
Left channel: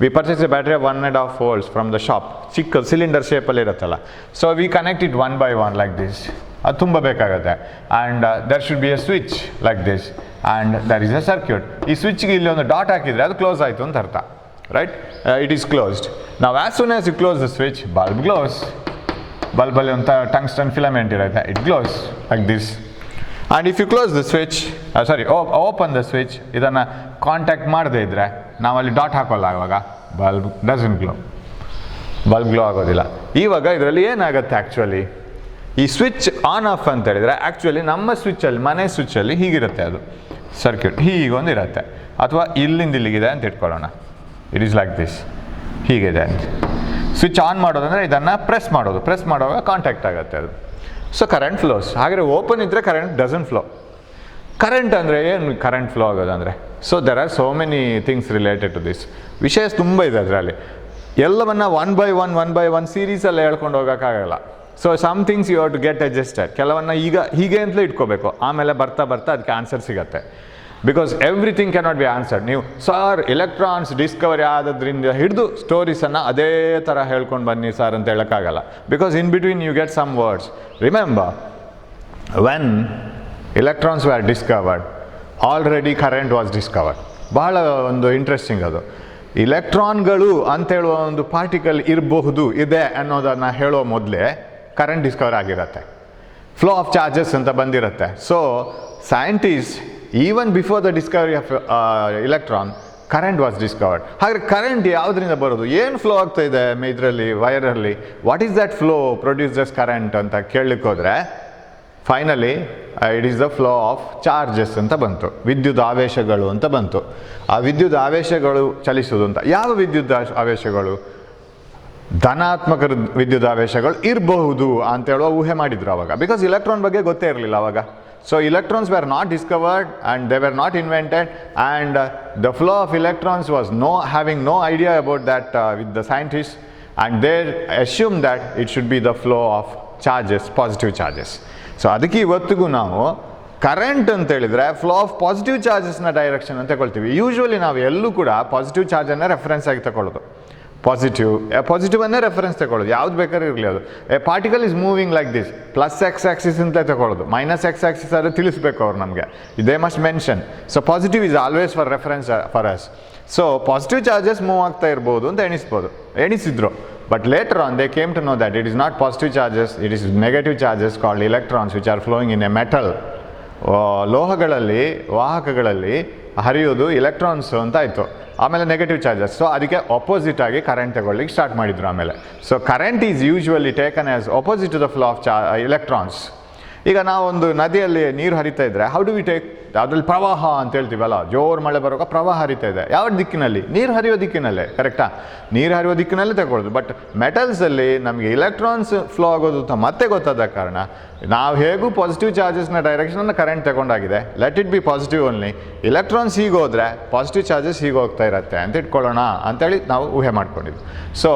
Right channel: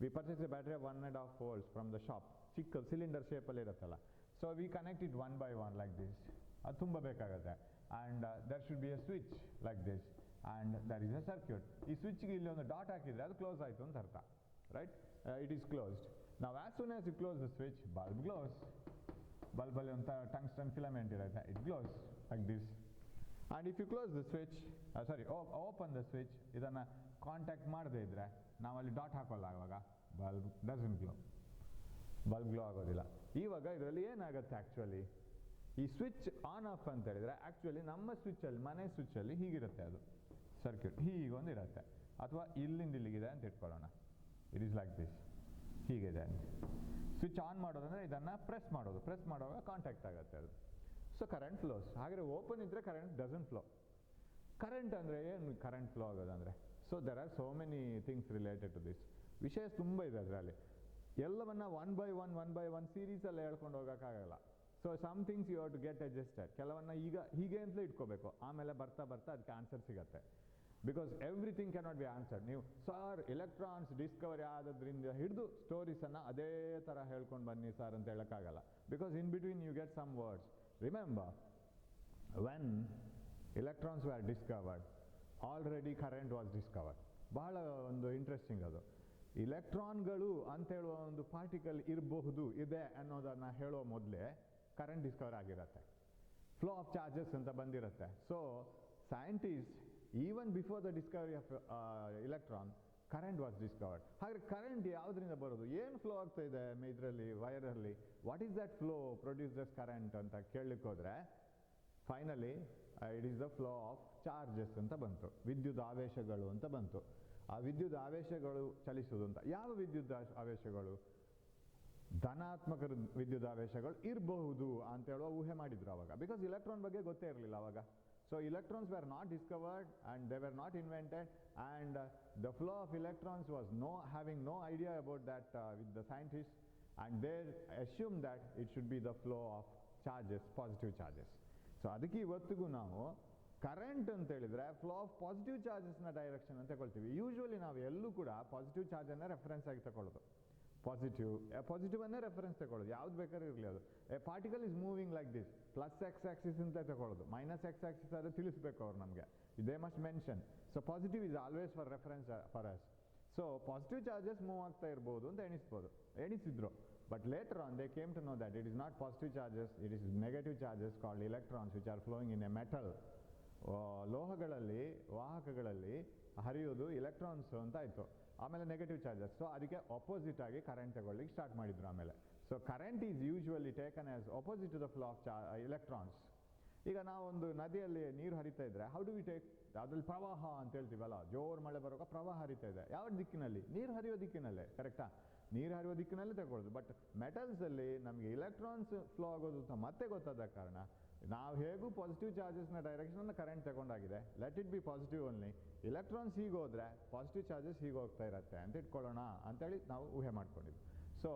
We purchase a battery 1.5 volts from the shop. ಚಿಕ್ಕ ಸಿಲಿಂಡರ್ ಶೇಪಲ್ಲಿ ಇರುತ್ತಲ್ಲ. So we connect it 1 by 1 like this. ಅದು ತುಂಬ ಬೇಕಾಗುತ್ತೆ. And there should be a switch like this and there is a circuit. ಈ ಸ್ವಿಚ್ಗೆ ಇಲ್ಲಿ ಒಂದು ಡಾಟ್ ಹಾಕಿದರೆ ಅದು ಕ್ಲೋಸ್ ಆಯಿತು ಅಂತ ಅರ್ಥ, ರೈಟ್? It is closed. ನಾವು as soon as you close the switch, bulb glows. ಬಲ್ಬಲ್ಲಿ ಒಂದು ಟಂಗ್ಸ್ಟನ್ ಫಿಲಮೆಂಟ್ ಇರುತ್ತೆ, it glows like this. And if you close the switch, open the switch, ಇದನ್ನು ಕಾಂಟ್ಯಾಕ್ಟ್ ಮಾಡದೇ ಇದ್ದರೆ ನಾವಲ್ಲಿ ಡಾಟ್ ಹಾಕೋಲ್ಲ, ಆವಾಗ bulb doesn't glow, bulb glow ಆಗೋದಿಲ್ಲ. ಇವಾಗ ಇದರಲ್ಲಿ ಏನಾಗುತ್ತೆ ಆ್ಯಕ್ಚುಲಿ, ಈ ಸ್ವಿಚ್ ಆನ್ ಆಫ್ ಅಂತ ಹೇಳಿದರೆ ಆ್ಯಕ್ಚುಲಿ ನಮ್ಮ ಸ್ವಿಚ್ಚಲ್ಲಿ, ಮನೆ ಸ್ವಿಚ್ಚಲ್ಲಿ ಹೀಗಿರುತ್ತೆ ಅದು ಸರ್ಕ್ಯೂಟ್, ಹೀಗೊಂದು ಇರುತ್ತೆ. ಅಥವಾ ಇಲ್ಲಿಂದ ಇಲ್ಲಿಗಿದೆ ಅಂತ ಇಟ್ಕೊಳ್ಳೋಣ, ಇಟ್ ಈಸ್ ಲೈಕ್ ದಿಸ್, ಹೀಗಿದೆ ಅಂತ. ಸ್ವಿಚ್ ಆನ್ ಮಾಡೋದಂದರೆ ಇದನ್ನು ಪ್ರೆಸ್ ಮಾಡೋದು, ಪ್ರೆಸ್ ಮಾಡುವಾಗ ಕಾಂಟ್ಯಾಕ್ಟ್ ಆಗುತ್ತೆ ಅದು. So current flows. ಹಾಗೆ ಓಪನ್ ಇದ್ದರೆ ಕರೆಂಟ್ ಡಸಂಟ್ ಫ್ಲೋ. ಕರೆಂಟ್ ಅಂದರೆ ಏನು ಕರೆಂಟ್ ಫ್ಲೋ ಆಗೋದಂದರೆ? So there are so many things related to this. ವಿಷಯ ತುಂಬ ಇದೆ ಅದರಲ್ಲಿ. ಎಲ್ಲವನ್ನ 1 by 1 ಸೀರೀಸಲ್ಲಿ ಹೇಳ್ಕೊಂಡು ಹೋಗೋಕ್ಕಾಗಲ್ಲ. So some things you have to get adjusted. ಕೆಲವನ್ನ ಈಗ ಹೀಗೆ ಅಂತಲೇ ಇಟ್ಕೋಬೇಕು, ಆಮೇಲೆ ಬರ್ತಾ ಅದಕ್ಕೆ ಆನ್ಸರ್ ಸಿಗುತ್ತೆ. Because everything cannot be answered. ನೀವು ಸರ್ ಎಲೆಕ್ಟ್ರಾನ್ಸ್ ಡಿಸ್ಕವರಿ ಆದದ್ರಿಂದ ಹಿಡಿದು ಸ್ಟೋರೀಸನ್ನು ಅದೇ ಥರ ಹೇಳ್ಕೊಂಡು ಬನ್ನಿ ಸರ್ ಅಂತ ಹೇಳೋಕ್ಕಾಗಲ್ಲ. Because in between you get some words. Remember, when electrons were discovered, already current was discovered. ಬಹಳ ಒಂದು ಇಂಟ್ರೆಸ್ಟಿಂಗ್ ಅದು. ಇಲೆಕ್ಟ್ರಾನ್ಗಳು ಅಂತೇಳುವ ಒಂದು ಪಾರ್ಟಿಕಲ್ ಇರಬಹುದು, ಇದೆ ಅನ್ನೋದನ್ನು ಹೇಳೋ ಮೊದಲೇ ಕರೆಂಟ್ ಡಿಸ್ಕವರ್ ಆಗಿರುತ್ತೆ. ಫ್ಲೋ ಆಫ್ ಚಾರ್ಜಸ್ ಅಂತ ಬಂದಿರುತ್ತೆ. So scientist even before the discovery of electron, current was discovered. ಹಾಗಾದರೆ ಕರೆಂಟ್ ಯಾವುದರಿಂದ ಬರೋದು, ಏನು ಫ್ಲೋ ಆಗ್ತಾ ಇದೆ ಇದರಲ್ಲಿ, ವೈರಲ್ಲಿ, what is that flow produces current ಅಂತ ಕೇಳಲಿಕ್ಕೆ ಹೋದರೆ finally it is the flow of charges ಅಂತ ಬಂತು, ವಿದ್ಯುತ್ ಆವೇಶಗಳು ಅಂತ ಬಂತು. ಆ ವಿದ್ಯುತ್ ಆವೇಶಗಳು ಚಲಿಸೋದು ಅಂತ. ಯಾವ ವಿದ್ಯುತ್ ಆವೇಶಗಳು? ಧನಾತ್ಮಕ ವಿದ್ಯುತ್ ಆವೇಶಗಳು ಇರಬಹುದು ಅಂತ ಹೇಳುವ ಊಹೆ ಮಾಡಿದ್ರು ಅವಾಗ. ಬಿಕಾಸ್ ಇಲೆಕ್ಟ್ರಾನ್ ಬಗ್ಗೆ ಗೊತ್ತೇ ಇರಲಿಲ್ಲ ಅವಾಗ. So electrons were not discovered and they were not invented, and the flow of electrons was having no idea about that with the scientists, and they assumed that it should be the flow of charges, positive charges. So ಅದಕ್ಕೆ ಇವತ್ತಿಗೂ ನಾವು ಕರೆಂಟ್ ಅಂತ ಹೇಳಿದರೆ ಫ್ಲೋ ಆಫ್ ಪಾಸಿಟಿವ್ ಚಾರ್ಜಸ್ನ ಡೈರೆಕ್ಷನ್ ಅಂತ ತಗೊಳ್ತೀವಿ. ಯೂಶ್ವಲಿ ನಾವು ಎಲ್ಲೂ ಕೂಡ ಪಾಸಿಟಿವ್ ಚಾರ್ಜನ್ನು ರೆಫರೆನ್ಸ್ ಆಗಿ ತಗೊಳ್ಳೋದು. ಪಾಸಿಟಿವನ್ನೇ ರೆಫರೆನ್ಸ್ ತಗೊಳ್ಳೋದು, ಯಾವ್ದು ಬೇಕಾದ್ರೂ ಇರಲಿ. ಅದು a particle is moving like this, plus X axis ಅಂತಲೇ ತಗೊಳ್ಳೋದು. ಮೈನಸ್ ಎಕ್ಸ್ ಆಕ್ಸಿಸ್ ಆದರೆ ತಿಳಿಸ್ಬೇಕು ಅವ್ರು ನಮಗೆ, they must mention. So positive is always for reference for us. So positive charges move ಆಗ್ತಾ ಇರ್ಬೋದು ಅಂತ ಎಣಿಸಿದ್ರು. But later on they came to know that it is not positive charges, it is negative charges called electrons which are flowing in a metal. ಲೋಹಗಳಲ್ಲಿ, ವಾಹಕಗಳಲ್ಲಿ ಹರಿಯೋದು ಎಲೆಕ್ಟ್ರಾನ್ಸ್ ಅಂತ ಆಯಿತು. ಆಮೇಲೆ ನೆಗೆಟಿವ್ ಚಾರ್ಜಸ್. ಸೊ ಅದಕ್ಕೆ ಅಪೋಸಿಟ್ ಆಗಿ ಕರೆಂಟ್ ತಗೊಳ್ಳಿಕ್ಕೆ ಸ್ಟಾರ್ಟ್ ಮಾಡಿದ್ರು ಆಮೇಲೆ. So current is usually taken as opposite to the flow of electrons. ಈಗ ನಾವೊಂದು ನದಿಯಲ್ಲಿ ನೀರು ಹರಿತಾ ಇದ್ದರೆ ಹೌ ಡು ವಿ ಟೇಕ್, ಅದರಲ್ಲಿ ಪ್ರವಾಹ ಅಂತ ಹೇಳ್ತೀವಲ್ಲ, ಜೋರು ಮಳೆ ಬರುವಾಗ ಪ್ರವಾಹ ಹರಿತಾ ಇದೆ. ಯಾವ ದಿಕ್ಕಿನಲ್ಲಿ? ನೀರು ಹರಿಯೋ ದಿಕ್ಕಿನಲ್ಲೇ, ಕರೆಕ್ಟಾ? ನೀರು ಹರಿಯೋ ದಿಕ್ಕಿನಲ್ಲೇ ತಗೊಳ್ಳೋದು. ಬಟ್ ಮೆಟಲ್ಸಲ್ಲಿ ನಮಗೆ ಎಲೆಕ್ಟ್ರಾನ್ಸ್ ಫ್ಲೋ ಆಗೋದು ಅಂತ ಮತ್ತೆ ಗೊತ್ತಾದ ಕಾರಣ ನಾವು ಹೇಗೂ ಪಾಸಿಟಿವ್ ಚಾರ್ಜಸ್ನ ಡೈರೆಕ್ಷನನ್ನು ಕರೆಂಟ್ ತಗೊಂಡಾಗಿದೆ, let it be positive only. Electrons ಹೀಗೆ ಹೋದರೆ ಪಾಸಿಟಿವ್ ಚಾರ್ಜಸ್ ಹೀಗೆ ಹೋಗ್ತಾ ಇರುತ್ತೆ ಅಂತ ಇಟ್ಕೊಳ್ಳೋಣ ಅಂತೇಳಿ ನಾವು ಊಹೆ ಮಾಡ್ಕೊಂಡಿದ್ವಿ. So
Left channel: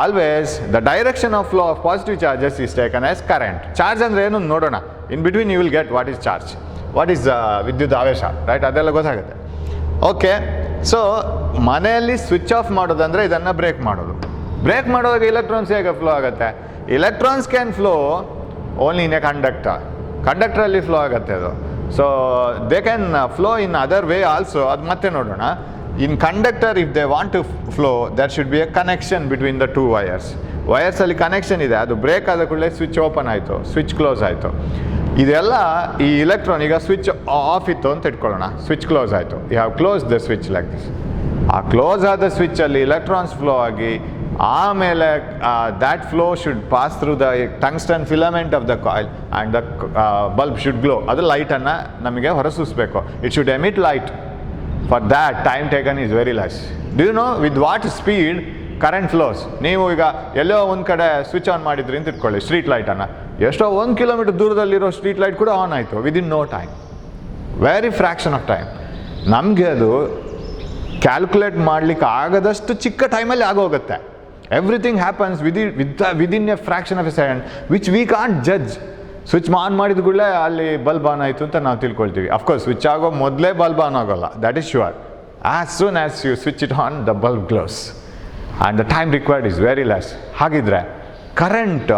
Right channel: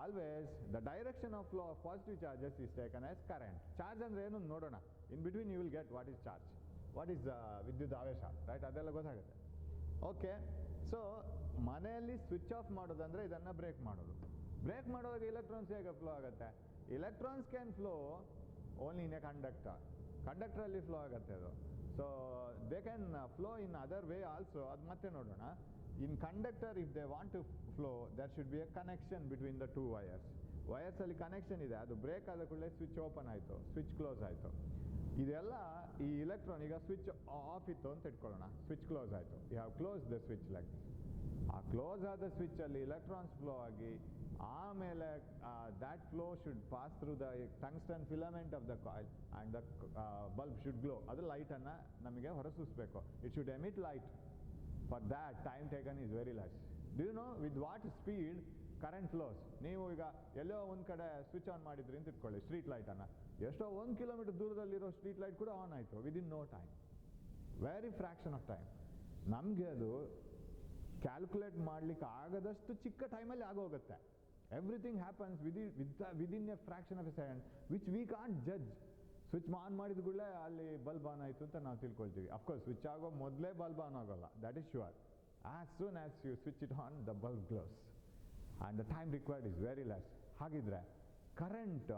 always the direction of flow of positive charges is taken as current. Charge ಅಂದರೆ ಏನು ನೋಡೋಣ. In between you will get what is charge, what is ವಿದ್ಯುತ್ ಆವೇಶ, ರೈಟ್? ಅದೆಲ್ಲ ಗೊತ್ತಾಗುತ್ತೆ. ಓಕೆ, ಸೊ ಮನೆಯಲ್ಲಿ ಸ್ವಿಚ್ ಆಫ್ ಮಾಡೋದಂದರೆ ಇದನ್ನು ಬ್ರೇಕ್ ಮಾಡೋದು. ಬ್ರೇಕ್ ಮಾಡುವಾಗ ಎಲೆಕ್ಟ್ರಾನ್ಸ್ ಹೇಗೆ ಫ್ಲೋ ಆಗುತ್ತೆ? Electrons can flow only in a ಕಂಡಕ್ಟರಲ್ಲಿ ಫ್ಲೋ ಆಗುತ್ತೆ ಅದು. So they can flow in other way also. ಅದು ಮತ್ತೆ ನೋಡೋಣ. In conductor if they want to flow, there should be a connection between the two wires. ವಯರ್ಸಲ್ಲಿ ಕನೆಕ್ಷನ್ ಇದೆ, ಅದು ಬ್ರೇಕ್ ಆದ ಕೂಡಲೇ ಸ್ವಿಚ್ ಓಪನ್ ಆಯಿತು, ಸ್ವಿಚ್ ಕ್ಲೋಸ್ ಆಯಿತು. ಇದೆಲ್ಲ ಈ ಇಲೆಕ್ಟ್ರಾನ್ ಈಗ ಸ್ವಿಚ್ ಆಫ್ ಇತ್ತು ಅಂತ ಇಟ್ಕೊಳ್ಳೋಣ, ಸ್ವಿಚ್ ಕ್ಲೋಸ್ ಆಯಿತು, you have close the switch like this. ಆ ಕ್ಲೋಸ್ ಆದ ಸ್ವಿಚ್ಚಲ್ಲಿ ಇಲೆಕ್ಟ್ರಾನ್ಸ್ ಫ್ಲೋ ಆಗಿ ಆಮೇಲೆ that flow should pass through the tungsten filament of the coil and the bulb should glow. ಅದು ಲೈಟನ್ನು ನಮಗೆ ಹೊರಸೂಸಬೇಕು. It should emit light. For that time taken is very less. Do you know with what speed current flows? ನೀವು ಈಗ ಎಲ್ಲೋ ಒಂದು ಕಡೆ ಸ್ವಿಚ್ ಆನ್ ಮಾಡಿದ್ರಿ ಅಂತ ಇಟ್ಕೊಳ್ಳಿ, ಸ್ಟ್ರೀಟ್ ಲೈಟನ್ನು, ಎಷ್ಟೋ 1 ಕಿಲೋಮೀಟರ್ ದೂರದಲ್ಲಿರೋ ಸ್ಟ್ರೀಟ್ ಲೈಟ್ ಕೂಡ ಆನ್ ಆಯಿತು within no time, very fraction of time. ನಮಗೆ ಅದು ಕ್ಯಾಲ್ಕುಲೇಟ್ ಮಾಡಲಿಕ್ಕೆ ಆಗದಷ್ಟು ಚಿಕ್ಕ ಟೈಮಲ್ಲಿ ಆಗೋಗುತ್ತೆ. Everything happens within a fraction of a second which we can't judge. Switch on ಮಾಡಿದ ಕೂಡಲೇ ಅಲ್ಲಿ ಬಲ್ಬ್ ಆನ್ ಆಯಿತು ಅಂತ ನಾವು ತಿಳ್ಕೊಳ್ತೀವಿ. ಅಫ್ಕೋರ್ಸ್ ಸ್ವಿಚ್ ಆಗೋ ಮೊದಲೇ ಬಲ್ಬ್ ಆನ್ ಆಗೋಲ್ಲ, that is sure. As soon as you switch it on the bulb glows and the time required is very less. ಹಾಗಿದ್ರೆ ಕರೆಂಟ್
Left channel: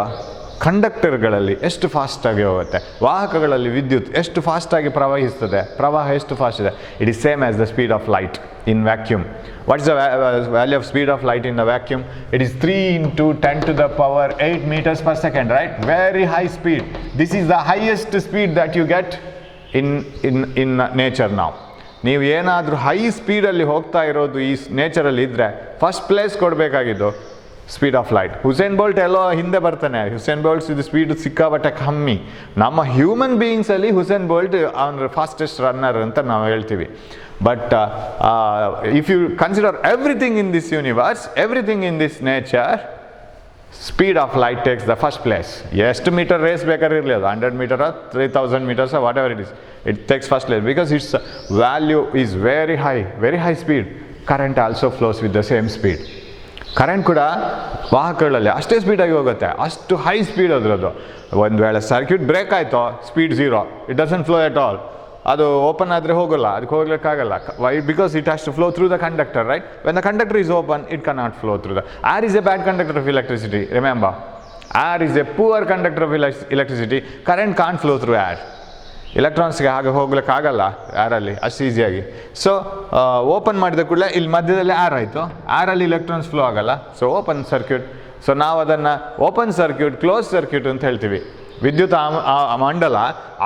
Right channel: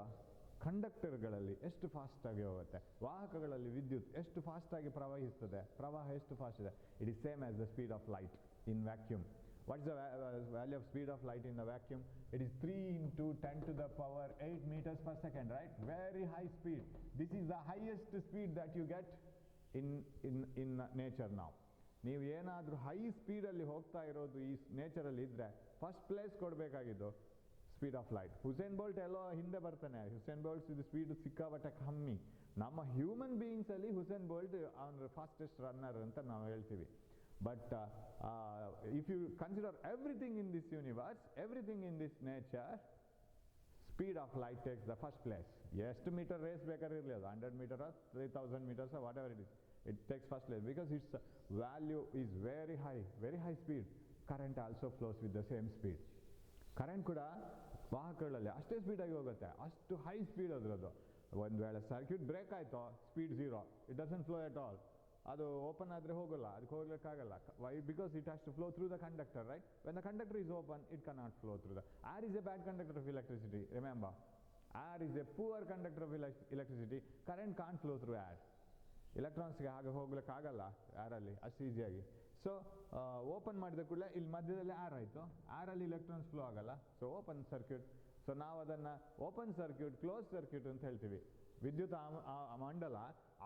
ಕಂಡಕ್ಟರ್ಗಳಲ್ಲಿ ಎಷ್ಟು ಫಾಸ್ಟಾಗಿ ಹೋಗುತ್ತೆ, ವಾಹಕಗಳಲ್ಲಿ ವಿದ್ಯುತ್ ಎಷ್ಟು ಫಾಸ್ಟಾಗಿ ಪ್ರವಹಿಸ್ತದೆ, ಪ್ರವಾಹ ಎಷ್ಟು ಫಾಸ್ಟ್ ಇದೆ. It is same as the speed of light in vacuum. What is the value of speed of light in the vacuum? It is 3 into 10 to the power 8 meters per second, right? Very high speed. This is the highest speed that you get in nature now. ನೀವು ಏನಾದರೂ ಹೈ ಸ್ಪೀಡಲ್ಲಿ ಹೋಗ್ತಾ ಇರೋದು ಈ ನೇಚರಲ್ಲಿ ಇದ್ದರೆ ಫಸ್ಟ್ ಪ್ಲೇಸ್ ಕೊಡಬೇಕಾಗಿದ್ದು speed of light. Usain Bolt ಎಲ್ಲೋ ಹಿಂದೆ ಬರ್ತಾನೆ. ಹುಸೇನ್ ಬೋಲ್ಟ್ಸ್ ಇದು ಸ್ಪೀಡ್ ಸಿಕ್ಕಾಬಟ್ಟೆ ಕಮ್ಮಿ. ನಮ್ಮ ಹ್ಯೂಮನ್ ಬೀಯಿಂಗ್ಸಲ್ಲಿ ಹುಸೇನ್ ಬೋಲ್ಟ್ ಅವನ ಫಾಸ್ಟೆಸ್ಟ್ ರನ್ನರ್ ಅಂತ ನಾವು ಹೇಳ್ತೀವಿ. But if you consider everything in this universe, everything in this nature, speed of light takes the first place. ಎಷ್ಟು ಮೀಟರ್ ರೇಸ್ ಬೇಕಾದ್ರೆ ಇರಲಿ, ಅದು 100 metre 3000 meters or whatever it is, it takes first place because its value is very high speed. Current also flows with the same speed. Current ಕೂಡ ವಾಹಕಗಳಲ್ಲಿ ಅಷ್ಟೇ ಸ್ಪೀಡಾಗಿ ಹೋಗುತ್ತೆ, ಅಷ್ಟು ಹೈ ಸ್ಪೀಡ್ ಅದರದ್ದು. ಒಂದು ವೇಳೆ ಸರ್ಕ್ಯೂಟ್ ಬ್ರೇಕ್ ಆಯಿತು, speed 0, it doesn't flow at all. ಅದು ಓಪನ್ ಆದರೆ ಹೋಗೋಲ್ಲ, ಅದಕ್ಕೆ ಹೋಗ್ಲಿಕ್ಕಾಗಲ್ಲ. Why? Because it has to flow through the conductor, right? When the conductor is open, it can not flow through the. Air is a bad conductor of electricity, remember. Air is a poor conductor of electricity. Current can't flow through air. ಇಲೆಕ್ಟ್ರಾನ್ಸ್ಗೆ ಹಾಗೆ ಹೋಗ್ಲಿಕ್ಕಾಗಲ್ಲ ಏರಲ್ಲಿ ಅಷ್ಟು ಈಸಿಯಾಗಿ. ಸೊ ಓಪನ್ ಮಾಡಿದ ಕೂಡಲೇ ಇಲ್ಲಿ ಮಧ್ಯದಲ್ಲಿ ಏರ್ ಆಯಿತು, ಏರಲ್ಲಿ ಇಲೆಕ್ಟ್ರಾನ್ಸ್ ಫ್ಲೋ ಆಗಲ್ಲ. So open circuit. ಸೊ ನಾವು ಅದನ್ನು ಓಪನ್ ಸರ್ಕ್ಯೂಟ್, ಕ್ಲೋಸ್ ಸರ್ಕ್ಯೂಟ್ ಅಂತ ಹೇಳ್ತೀವಿ. ವಿದ್ಯುತ್ ಮಂಡಲ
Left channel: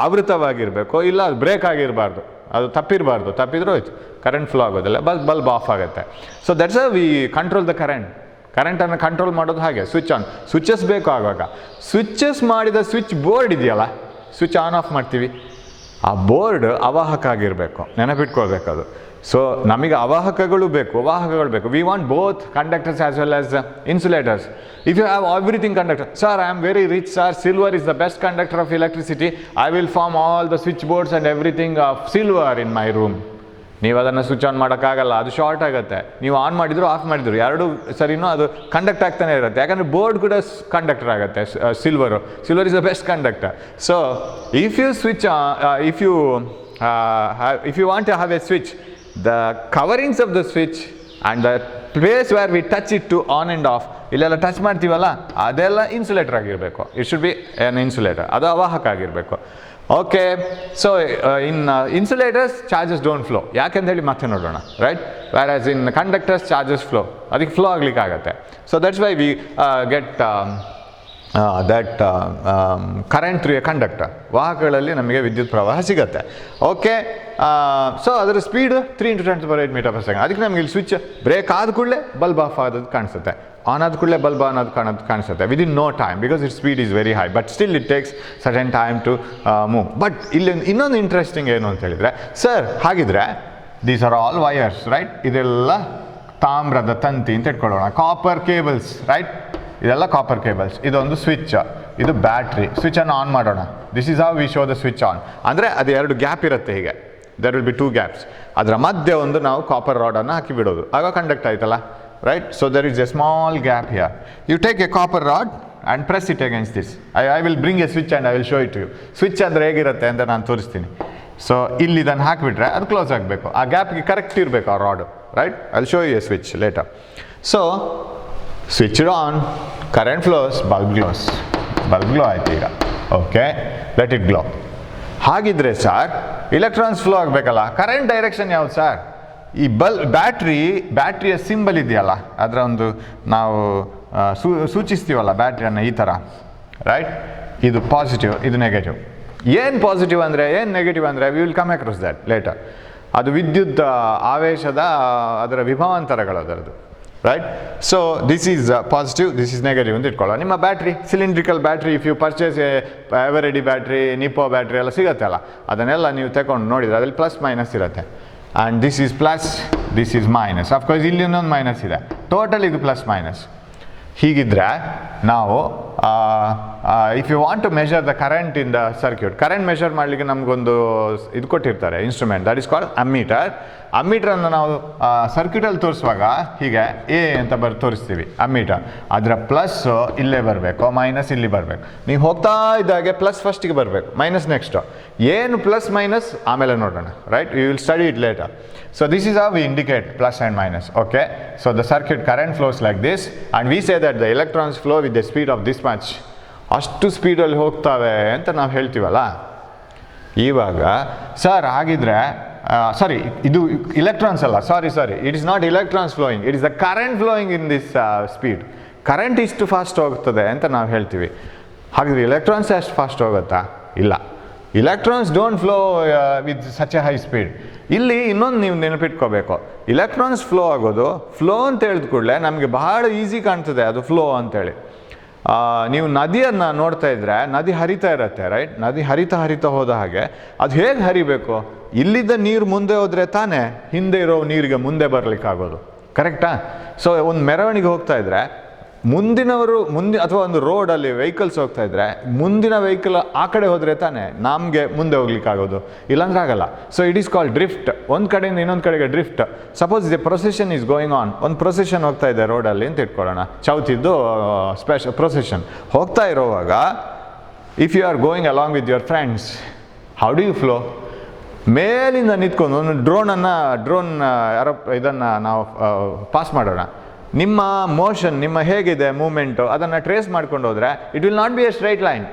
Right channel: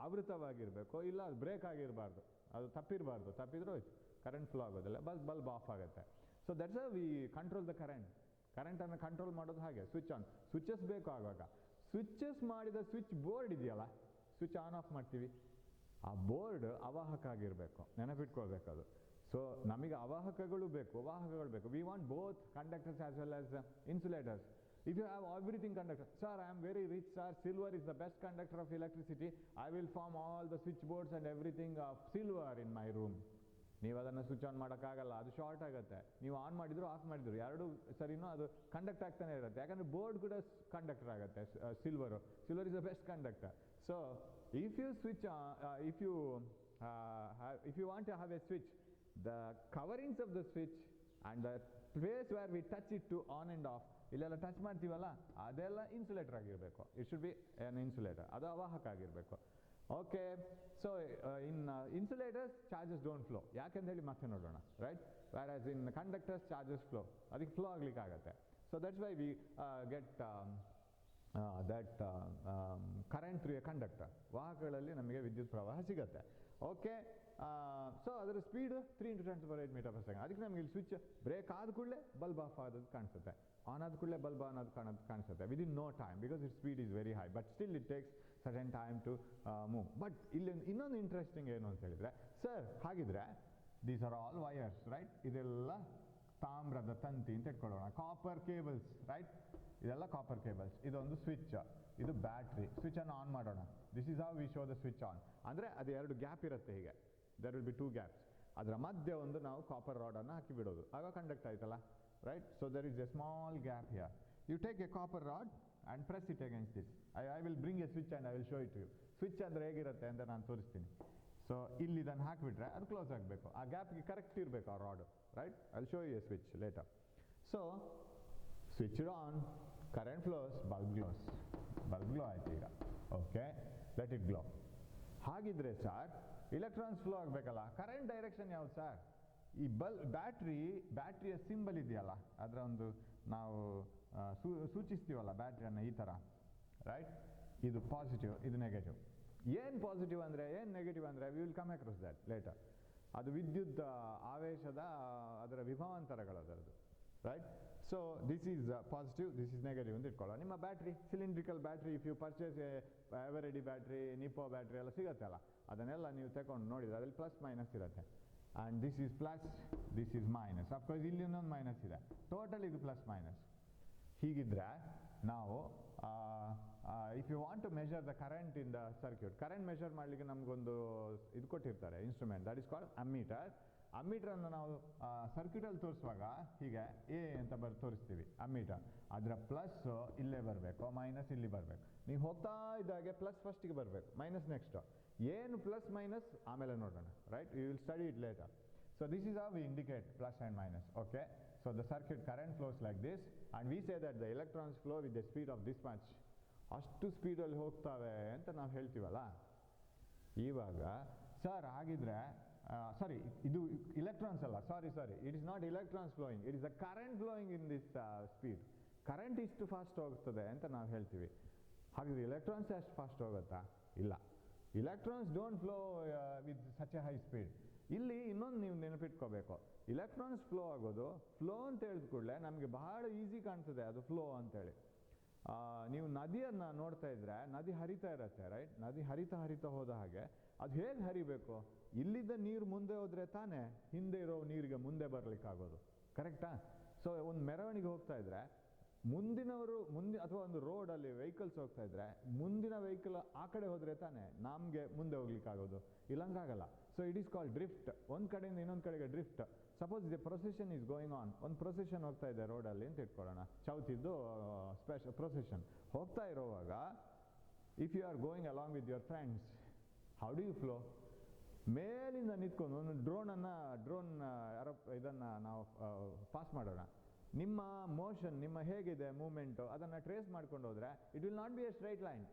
ಆವೃತವಾಗಿರಬೇಕು, ಇಲ್ಲ ಅದು ಬ್ರೇಕ್ ಆಗಿರಬಾರ್ದು, ಅದು ತಪ್ಪಿರಬಾರ್ದು. ತಪ್ಪಿದ್ರೂ ಹೋಯ್ತು, ಕರೆಂಟ್ ಫ್ಲೋ ಆಗೋದಿಲ್ಲ, ಬಲ್ಬ್ ಆಫ್ ಆಗುತ್ತೆ. So that's we control the current. ಕರೆಂಟನ್ನು ಕಂಟ್ರೋಲ್ ಮಾಡೋದು ಹಾಗೆ. ಸ್ವಿಚ್ ಆನ್, ಸ್ವಿಚಸ್ ಬೇಕು ಆಗುವಾಗ. ಸ್ವಿಚಸ್ ಮಾಡಿದ ಸ್ವಿಚ್ ಬೋರ್ಡ್ ಇದೆಯಲ್ಲ, ಸ್ವಿಚ್ ಆನ್ ಆಫ್ ಮಾಡ್ತೀವಿ, ಆ ಬೋರ್ಡ್ ಅವಾಹಕ ಆಗಿರಬೇಕು, ನೆನಪಿಟ್ಕೊಳ್ಬೇಕು ಅದು. ಸೊ ನಮಗೆ ಅವಾಹಕಗಳು ಬೇಕು, ವಾಹಕಗಳು ಬೇಕು. We want both conductors as well as insulators. If you have everything conductor, sir, I am very rich, sir, silver is the best conductor of electricity, I will form all the switchboards and everything of silver in my room. ನೀವು ಅದನ್ನು ಸ್ವಿಚ್ ಆನ್ ಮಾಡೋಕ್ಕಾಗಲ್ಲ, ಅದು ಶಾರ್ಟ್ ಆಗುತ್ತೆ. ನೀವು ಆನ್ ಮಾಡಿದ್ರು ಆಫ್ ಮಾಡಿದ್ರು ಎರಡು ಸರಿನೂ ಅದು ಕಂಡಕ್ಟ್ ಆಗ್ತಾನೆ ಇರುತ್ತೆ. ಯಾಕಂದರೆ ಬೋರ್ಡ್ ಕೂಡ ಕಂಡಕ್ಟರ್ ಆಗುತ್ತೆ, silver is the best conductor. So if you switch if you want to have a switch, the coverings of the switch and the place where we touch it to on and off, ಇಲ್ಲೆಲ್ಲ ಟಚ್ ಮಾಡ್ತೀವಲ್ಲ, ಅದೆಲ್ಲ ಇನ್ಸುಲೇಟರ್ ಆಗಿರಬೇಕು. It should be an insulator, ಅದು ಅವಾಹಕ ಆಗಿರಬೇಕು. Okay. So in insulators charges don't flow, ಯಾಕೆಂತ ಹೇಳಿ ಮತ್ತೆ ನೋಡೋಣ, right? Whereas in conductors charges flow, ಅದಕ್ಕೆ ಫ್ಲೋ ಆಗ್ಲಿಕ್ಕೆ ಆಗುತ್ತೆ. So that's why we get current through a conductor. ವಾಹಕಗಳಲ್ಲಿ ನಮಗೆ ವಿದ್ಯುತ್ ಪ್ರವಾಹ ಸಿಗುತ್ತೆ. ಓಕೆ. ಸೊ ಅದರ speed 3 into 10⁸ metre per second. ಅದಕ್ಕೆ ನಮಗೆ ಇಲ್ಲಿ ಸ್ವಿಚ್ ಬ್ರೇಕ್ ಆದ ಕೂಡಲೇ ಬಲ್ಬ್ ಆಫ್ ಆಗೋದು ಕಾಣಿಸುತ್ತೆ, ಆನ್ ಆದ ಕೂಡಲೇ ಬಲ್ಬ್ ಆನ್ ಆದ ಕಾಣಿಸುತ್ತೆ within no time, because it speed is very high. But still it takes certain time to move. But ಇಲ್ಲಿ ಇನ್ನೊಂದು ಇಂಟ್ರೆಸ್ಟಿಂಗ್ ಏನು ಅಂತ ಹೇಳಿದರೆ, ಸರ್ ಹಾಗಿದ್ರೆ these are all wires, right? ಇದೆಲ್ಲ ತಾಮ್ರದ ತಂತಿ ಅಂತ ಇಟ್ಕೊಳ್ಳೋಣ, ಕಾಪರ್ ಕೇಬಲ್ಸ್, ರೈಟ್? ಇದೆಲ್ಲ ಕಾಪರ್ ಕೇಬಲ್ಸ್. ಇದೊಂದು ಸ್ವಿಚ್, ಇದು ಬ್ಯಾಟ್ರಿ. ಸ್ವಿಚನ್ನು ಆನ್ ಮಾಡೋಣ. This is how we show the switch on. ಅಂದರೆ ಅದು 2 ಗ್ಯಾಪ್ ಇರುತ್ತೆ ಹೀಗೆ, there will be 2 gaps. ಅದರ ಮಧ್ಯೆ ಒಂದು ನಾವು ಕಾಪರ್ ರಾಡನ್ನು ಹಾಕಿ ಬಿಡೋದು, ಆಗ ಕಂಡಕ್ಟ್ ಆಯ್ತಲ್ಲ, right? So there is a small gap here. You take a copper rod and press it against this. I will bring a switch and I will show it to you. Switch ಅಂದರೆ ಹೇಗಿರುತ್ತೆ ಅಂತ ನಾನು ತೋರಿಸ್ತೀನಿ. ಸೊ ಇಲ್ಲಿ ಇದನ್ನು ಹಾಕಿಬಿಟ್ರೆ ಅದು ಕ್ಲೋಸ್ ಆಗಬೇಕು, ಆ ಗ್ಯಾಪ್ಗೆ ಕರೆಕ್ಟ್ ಇರಬೇಕು ಆ rod, right? I will show you a switch later. So switch on, current flows, bulb glows. Bulb glow ಆಯ್ತು ಈಗ. Okay, let it glow. ಹಾಗಿದ್ರೆ ಸರ್ ಇಲೆಕ್ಟ್ರಾನ್ಸ್ ಫ್ಲೋ ಆಗಬೇಕಲ್ಲ, ಕರೆಂಟ್ ಡೈರೆಕ್ಷನ್ ಯಾವುದು ಸರ್? ಈ ಬ್ಯಾಟ್ರಿಯ ಸಿಂಬಲ್ ಇದೆಯಲ್ಲ, ಅದರ ಒಂದು ನಾವು ಸೂಚಿಸ್ತೀವಲ್ಲ ಬ್ಯಾಟ್ರಿಯನ್ನು ಈ ಥರ, ರೈಟ್? ಇದು ಪಾಸಿಟಿವ್, ಇದು ನೆಗೆಟಿವ್. ಏನು ಪಾಸಿಟಿವ್ ಅಂದರೆ, ಏನು ನೆಗೆಟಿವ್ ಅಂದರೆ, we will come across that later. ಅದು ವಿದ್ಯುತ್ ಆವೇಶದ ಅದರ ವಿಭವಾಂತರಗಳು ಅದರದ್ದು, right? So this is positive, this is negative ಅಂತ ಇಟ್ಕೊಳ್ಳೋ. ನಿಮ್ಮ battery, cylindrical battery, if you purchase Eveready battery, Nippo battery ಎಲ್ಲ ಸಿಗುತ್ತೆ ಅಲ್ಲ, ಅದನ್ನೆಲ್ಲ ನೀವು ತಗೊಂಡು ನೋಡಿದರೆ ಅದರಲ್ಲಿ ಪ್ಲಸ್ ಮೈನಸ್ ಇರುತ್ತೆ. And this is plus, this is minus. Of course ಇಲ್ಲಿ ಇನ್ನೊಂದು ಮೈನಸ್ ಇದೆ, ಟೋಟಲ್ ಇದು ಪ್ಲಸ್ ಮೈನಸ್. ಹೀಗಿದ್ರೆ ನಾವು if you want to measure the current in the circuit, current measure ಮಾಡಲಿಕ್ಕೆ ನಮಗೊಂದು ಇದು ಕೊಟ್ಟಿರ್ತಾರೆ instrument, that is called ammeter. ಅಮ್ಮೀಟ್ರನ್ನು ನಾವು ಸರ್ಕ್ಯೂಟಲ್ಲಿ ತೋರಿಸುವಾಗ ಹೀಗೆ ಎ ಅಂತ ತೋರಿಸ್ತೀವಿ ಅಮ್ಮೀಟರ್. ಅದರ ಪ್ಲಸ್ಸು ಇಲ್ಲೇ ಬರಬೇಕು, ಮೈನಸ್ ಇಲ್ಲಿ ಬರಬೇಕು. ನೀವು ಹೋಗ್ತಾ ಇದ್ದಾಗೆ ಪ್ಲಸ್ ಫಸ್ಟಿಗೆ ಬರಬೇಕು, ಮೈನಸ್ ನೆಕ್ಸ್ಟು. ಏನು ಪ್ಲಸ್ ಮೈನಸ್ ಆಮೇಲೆ ನೋಡೋಣ, right? You will study it later. So this is how we indicate plus and minus, okay? So the circuit current flows like this, and we say that the electrons flow with the speed of this much. ಅಷ್ಟು ಸ್ಪೀಡಲ್ಲಿ ಹೋಗ್ತವೆ ಅಂತ ನಾವು ಹೇಳ್ತೀವಲ್ಲ. ಇವಾಗ ಸರ್ ಹಾಗಿದ್ರೆ ಸಾರಿ, ಇದು ಇಲೆಕ್ಟ್ರಾನ್ಸ್ ಅಲ್ಲ, sorry, it is not electrons flowing, it is the current flowing in this speed. Current ಇಷ್ಟು ಫಾಸ್ಟ್ ಹೋಗ್ತದೆ ಅಂತ ನಾವು ಹೇಳ್ತೀವಿ. ಹಾಗಿದ್ರೆ ಇಲೆಕ್ಟ್ರಾನ್ಸ್ ಅಷ್ಟು ಫಾಸ್ಟ್ ಹೋಗುತ್ತಾ? ಇಲ್ಲ, electrons don't flow with such a high speed. ಇಲ್ಲಿ ಇನ್ನೊಂದು ನೀವು ನೆನಪಿಟ್ಕೋಬೇಕು, ಇಲೆಕ್ಟ್ರಾನ್ಸ್ ಫ್ಲೋ ಆಗೋದು, ಫ್ಲೋ ಅಂತ ಹೇಳಿದ ಕೂಡಲೇ ನಮಗೆ ಬಹಳ ಈಸಿ ಕಾಣ್ತದೆ ಅದು ಫ್ಲೋ ಅಂತೇಳಿ. ನೀವು ನದಿಯನ್ನು ನೋಡ್ತಾ ಇದ್ದರೆ ನದಿ ಹರಿತಾ ಇರುತ್ತೆ, ರೈಟ್? ನದಿ ಹರಿತಾ ಹೋದ ಹಾಗೆ ಅದು ಹೇಗೆ ಹರಿಬೇಕು? ಇಲ್ಲಿದ್ದ ನೀರು ಮುಂದೆ ಹೋದರೆ ತಾನೇ ಹಿಂದೆ ಇರೋ ನೀರಿಗೆ ಮುಂದೆ ಬರಲಿಕ್ಕಾಗೋದು, ಕರೆಕ್ಟಾ? ಸೊ ಒಂದು ಮೆರವಣಿಗೆ ಹೋಗ್ತಾ ಇದ್ದರೆ ಮುಂದಿನವರು ಅಥವಾ ಒಂದು ರೋಡಲ್ಲಿ ವೆಹಿಕಲ್ಸ್ ಹೋಗ್ತಾ ಇದ್ದರೆ ಮುಂದಿನ ವೆಹಿಕಲ್ ಆ ಕಡೆ ಹೋದರೆ ತಾನೇ ನಮಗೆ ಮುಂದೆ ಹೋಗ್ಲಿಕ್ಕಾಗೋದು, ಇಲ್ಲಾಂದ್ರೆ ಆಗಲ್ಲ. So it is called drift. ಒಂದು ಕಡೆಯಿಂದ ಇನ್ನೊಂದು ಕಡೆಗೆ drift. Suppose the procession is going on, ಒಂದು ಪ್ರೊಸೆಷನ್ ಹೋಗ್ತಾ ಇದೆ ರೋಡಲ್ಲಿ ಅಂತ ಇಟ್ಕೊಳ್ಳೋಣ, ಚೌತಿದ್ದು ಪ್ರೊಸೆಷನ್ ಹೋಗ್ತಾ ಇರೋವಾಗ if you are going along with your friends, how do you flow? ಮೇಲಿಂದ ನಿಂತ್ಕೊಂಡು ಒಂದು ಡ್ರೋನ್ ಇದನ್ನು ನಾವು ಪಾಸ್ ಮಾಡೋಣ. ನಿಮ್ಮ ಮೋಷನ್, ನಿಮ್ಮ ಹೇಗಿದೆ ಮೂಮೆಂಟು, ಅದನ್ನು ಟ್ರೇಸ್ ಮಾಡ್ಕೊಂಡು ಹೋದರೆ it will not B A straight line.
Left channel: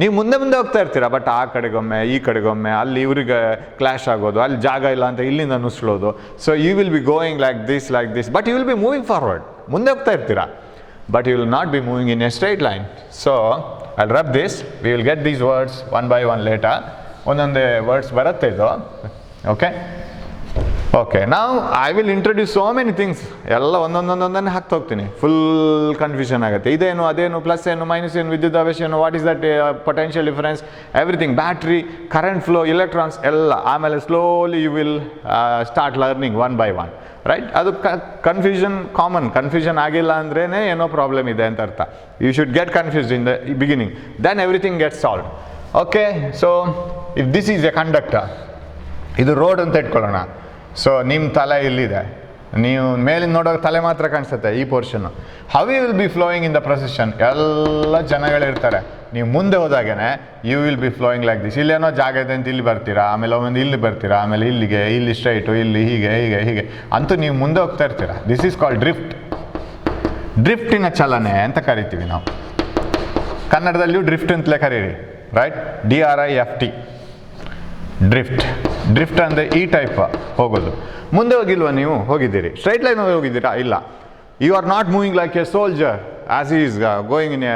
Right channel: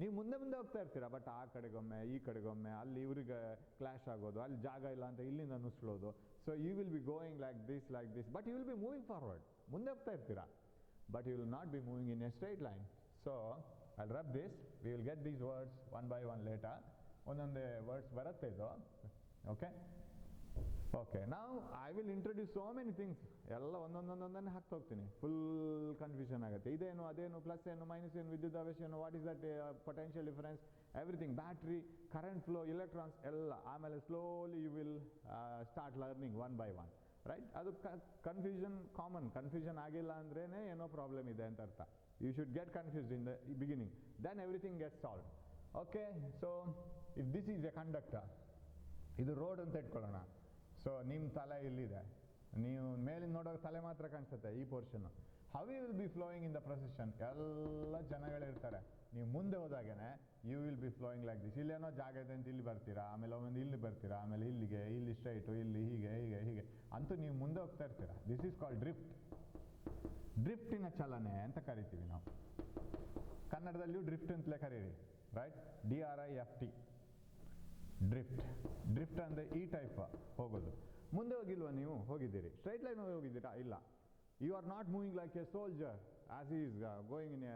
ನೀವು ಮುಂದೆ ಹೋಗ್ತಾ ಇರ್ತೀರ, ಬಟ್ ಆ ಕಡೆಗೊಮ್ಮೆ ಈ ಕಡೆಗೊಮ್ಮೆ, ಅಲ್ಲಿ ಇವ್ರಿಗೆ ಕ್ಲಾಶ್ ಆಗೋದು, ಅಲ್ಲಿ ಜಾಗ ಇಲ್ಲ ಅಂತ ಇಲ್ಲಿಂದ ನುಸ್ಲೋದು. So you will be going like this, but you will be moving forward, ಮುಂದೆ ಹೋಗ್ತಾ ಇರ್ತೀರಾ, but you will not be moving in a straight line. So I rub this, we will get these words one by one later. ಒಂದೊಂದೇ ವರ್ಡ್ಸ್ ಬರುತ್ತೆ ಇದು, ಓಕೆ. ನಾವು I will introduce so many things, ಎಲ್ಲ ಒಂದೊಂದೊಂದೊಂದನ್ನೇ ಹಾಕ್ತಾ ಹೋಗ್ತೀನಿ, ಫುಲ್ ಕನ್ಫ್ಯೂಷನ್ ಆಗುತ್ತೆ. ಇದೇನು, ಅದೇನು, ಪ್ಲಸ್ ಏನು, ಮೈನಸ್ ಏನು, ವಿದ್ಯುತ್ ಆವೇಶ ಏನು, what is that potential difference, everything, battery, current flow, electrons ಎಲ್ಲ. ಆಮೇಲೆ slowly you will start learning one by one, right? ಅದು ಕನ್ಫ್ಯೂಷನ್ ಆಗಿಲ್ಲ ಅಂದ್ರೇ ಏನೋ ಪ್ರಾಬ್ಲಮ್ ಇದೆ ಅಂತ ಅರ್ಥ. You should get confused in the beginning, then everything get solve, okay? So if this is a conductor, ಇದು ರೋಡ್ ಅಂತ ಇಟ್ಕೊಳ್ಳೋಣ. ಸೊ ನಿಮ್ಮ ತಲೆ ಇಲ್ಲಿದೆ, ನೀವು ಮೇಲಿಂದ ನೋಡೋಕೆ ತಲೆ ಮಾತ್ರ ಕಾಣಿಸುತ್ತೆ ಈ ಪೋರ್ಷನ್ನು. How you will be flowing in the procession? ಎಲ್ಲ ಜನಗಳಿರ್ತಾರೆ, ನೀವು ಮುಂದೆ ಹೋದಾಗೇ you will be flowing like this. ಇಲ್ಲೇನೋ ಜಾಗ ಇದೆ ಅಂತ ಇಲ್ಲಿ ಬರ್ತೀರಾ, ಆಮೇಲೆ ಒಂದು ಇಲ್ಲಿ ಬರ್ತೀರಾ, ಆಮೇಲೆ ಇಲ್ಲಿಗೆ, ಇಲ್ಲಿ ಸ್ಟ್ರೈಟು, ಇಲ್ಲಿ ಹೀಗೆ ಅಂತೂ ನೀವು ಮುಂದೆ ಹೋಗ್ತಾ ಇರ್ತೀರಾ. This is called drift. ಡ್ರಿಫ್ಟಿನ ಚಲನೆ ಅಂತ ಕರಿತೀವಿ ನಾವು. ಕನ್ನಡದಲ್ಲಿಯೂ ಡ್ರಿಫ್ಟ್ ಅಂತಲೇ ಕರೀರಿ, ರೈಟ್? DRIFT, ಡ್ರಿಫ್ಟ್ ಅಂದರೆ ಈ ಟೈಪ್ ಹೋಗೋದು. ಮುಂದೆ ಹೋಗಿಲ್ವಾ? ನೀವು ಹೋಗಿದ್ದೀರಿ, ಸ್ಟ್ರೈಟ್ ಲೈನ್ ಹೋಗಿದ್ದೀರಾ? ಇಲ್ಲ. You are not moving like a soldier as is going in a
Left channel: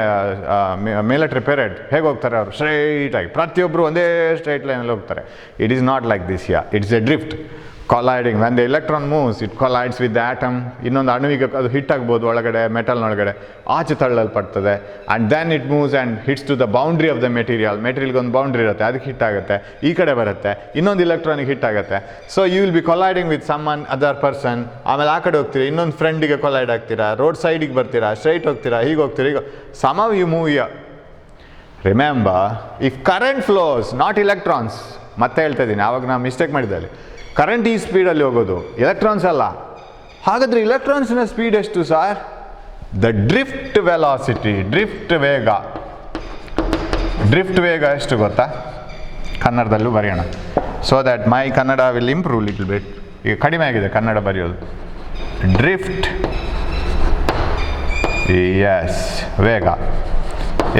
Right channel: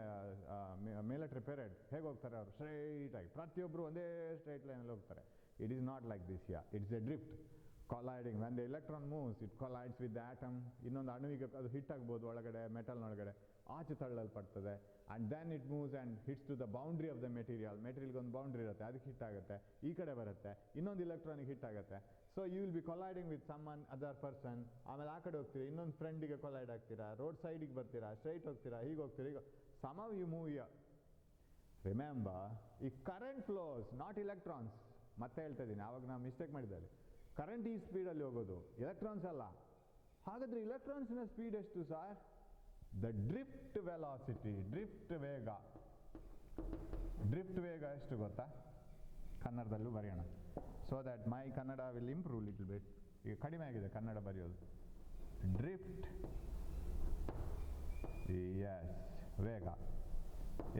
military parade. ಹೇಗೆ ಹೋಗ್ತಾರೆ ಅವರು? ಸ್ಟ್ರೈಟಾಗಿ, ಪ್ರತಿಯೊಬ್ಬರು ಒಂದೇ ಸ್ಟ್ರೈಟ್ ಲೈನಲ್ಲಿ ಹೋಗ್ತಾರೆ. It is not like this yeah, it's a drift. colliding, when the electron moves, it collides with the atom. ಇನ್ನೊಂದು ಅಣುವಿಗೆ ಅದು ಹಿಟ್ ಆಗ್ಬೋದು ಒಳಗಡೆ, ಮೆಟಲ್ನೊಳಗಡೆ ಆಚೆ ತಳ್ಳಲ್ಪಡ್ತದೆ. And then it moves and hits to the boundary of the ಮೆಟೀರಿಯಲ್ಗೆ ಒಂದು ಬೌಂಡ್ರಿ ಇರುತ್ತೆ, ಅದಕ್ಕೆ ಹಿಟ್ ಆಗುತ್ತೆ, ಈ ಕಡೆ ಬರುತ್ತೆ, ಇನ್ನೊಂದು ಇಲೆಕ್ಟ್ರಾನಿಗೆ ಹಿಟ್ ಆಗುತ್ತೆ. So you will be colliding with some other person. ಆಮೇಲೆ ಆ ಕಡೆ ಹೋಗ್ತೀರಾ, ಇನ್ನೊಂದು ಫ್ರೆಂಡಿಗೆ ಕೊಲೈಡ್ ಆಗ್ತೀರಾ, ರೋಡ್ ಸೈಡಿಗೆ ಬರ್ತೀರಾ, ಸ್ಟ್ರೈಟ್ ಹೋಗ್ತೀರಾ, ಹೀಗೆ ಹೋಗ್ತೀರಾ, ಈಗ some you move here. Remember, if current flows, not electrons. ಮತ್ತೆ ಹೇಳ್ತಾ ಇದ್ದೀನಿ, ಆವಾಗ ನಾನು ಮಿಸ್ಟೇಕ್ ಮಾಡಿದ್ದೆ. ಕರೆಂಟ್ ಈ ಸ್ಪೀಡಲ್ಲಿ ಹೋಗೋದು, ಎಲೆಕ್ಟ್ರಾನ್ಸ್ ಅಲ್ಲ. ಹಾಗಾದರೆ ಇಲೆಕ್ಟ್ರಾನ್ಸ್ನ ಸ್ಪೀಡ್ ಎಷ್ಟು sir? The drift velocity, drift ವೇಗ. ಡ್ರಿಫ್ಟ್ ವೇಗ ಎಷ್ಟು ಗೊತ್ತಾ? ಕನ್ನಡದಲ್ಲೂ ಬರೆಯೋಣ, so that my Kannada will improve little bit. ಈಗ ಕಡಿಮೆ ಆಗಿದೆ ಕನ್ನಡ ಬರೆಯೋದು. ಡ್ರಿಫ್ಟ್, ಎಸ್, ವೇಗ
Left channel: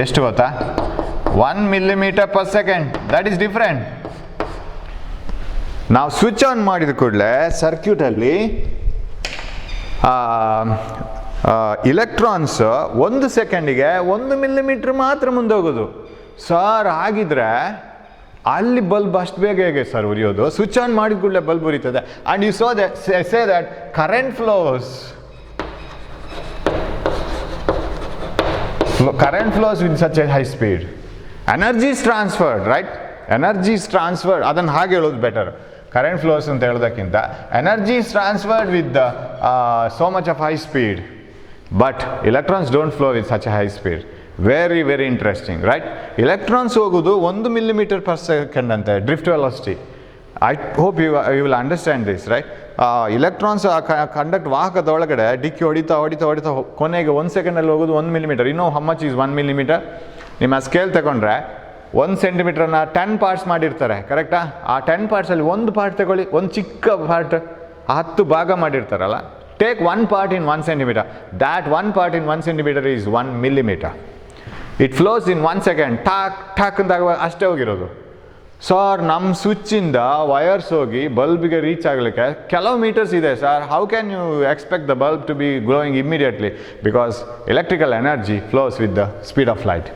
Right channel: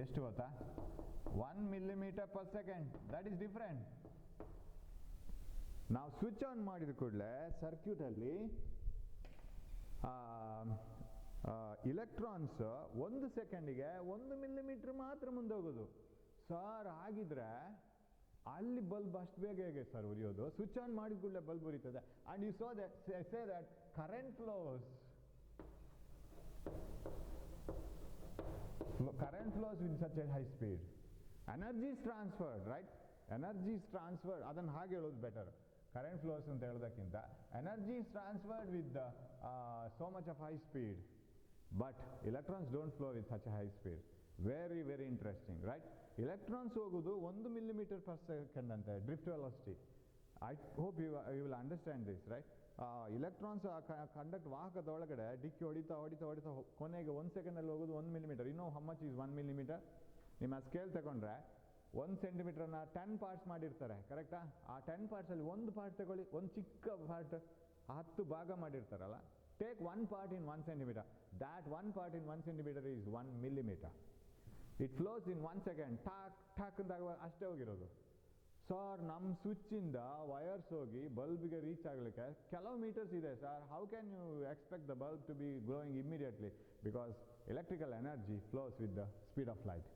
ಎಷ್ಟು ಗೊತ್ತಾ? 1 millimeter per second. That is different. ನಾವು ಸ್ವಿಚ್ ಆನ್ ಮಾಡಿದ ಕೂಡಲೇ ಸರ್ಕ್ಯೂಟಲ್ಲಿ ಇಲೆಕ್ಟ್ರಾನ್ಸ್ 1 ಸೆಕೆಂಡಿಗೆ 1 ಮಿಲಿಮೀಟ್ರ್ ಮಾತ್ರ ಮುಂದೆ ಹೋಗೋದು. ಸರ್ ಹಾಗಿದ್ರೆ ಅಲ್ಲಿ ಬಲ್ಬ್ ಅಷ್ಟು ಬೇಗ ಹೇಗೆ ಸರ್ ಉರಿಯೋದು? ಸ್ವಿಚ್ ಆನ್ ಮಾಡಿದ ಕೂಡಲೇ ಬಲ್ಬ್ ಉರಿತದೆ. And you so that say that current flows with such a high speed. Energy is transferred, right? Energy is transferred. ಅದನ್ನು ಹಾಗೆ ಹೇಳೋದು ಬೆಟರ್. ಕರೆಂಟ್ ಫ್ಲೋಸ್ ಅಂತ ಹೇಳೋದಕ್ಕಿಂತ energy is transferred with so much of high speed. But electrons don't flow with such a high speed. Very, very interesting, right? Electrons ಹೋಗೋದು 1 millimeter per second ಅಂತೆ, drift velocity. I hope you will understand this, right? Electrons conduct ವಾಹಕದ ಒಳಗಡೆ ಡಿಕ್ಕಿ ಹೊಡಿತಾ ಕೊನೆಗೆ 1 ಸೆಕೆಂಡಲ್ಲಿ ಹೋಗೋದು 1 ಮಿಲಿಮೀಟರ್. ಇನ್ನೂ ಹೌ ಮಚ್ ಈಸ್ 1 ಮಿಲಿಮೀಟರ್? ನಿಮ್ಮ ಸ್ಕೇಲ್ ತಗೊಂಡ್ರೆ 1 ಸೆಂಟಿಮೀಟರ್ನ 10 ಪಾರ್ಟ್ಸ್ ಮಾಡಿರ್ತಾರೆ, ಕರೆಕ್ಟಾ? ಆ 10 ಪಾರ್ಟ್ಸಲ್ಲಿ ಒಂದು ಪಾರ್ಟ್ ತಗೊಳ್ಳಿ, ಒಂದು ಚಿಕ್ಕ ಪಾರ್ಟ್ 10 ಭಾಗ ಮಾಡಿರ್ತಾರಲ್ಲ. Take 1 part in 1 centimeter. That 1 part in 1 centimeter is 1 millimeter. It flows in 1 second. Talk ಅಂದಾಗ ಅಷ್ಟೇ ಹೋಗಿರೋದು. ಸರ್ ನಮ್ಮ ಸ್ವಿಚ್ಚಿಂದ ವಯರ್ಸ್ ಹೋಗಿ ಬಲ್ಬಿಗೆ ರೀಚ್ ಆಗಲಿಕ್ಕೆ ಕೆಲವು ಮೀಟರ್ಸ್ ಇದೆ sir. How can you expect the bulb to be glowing immediately? Because electrical energy flows with the speed of light.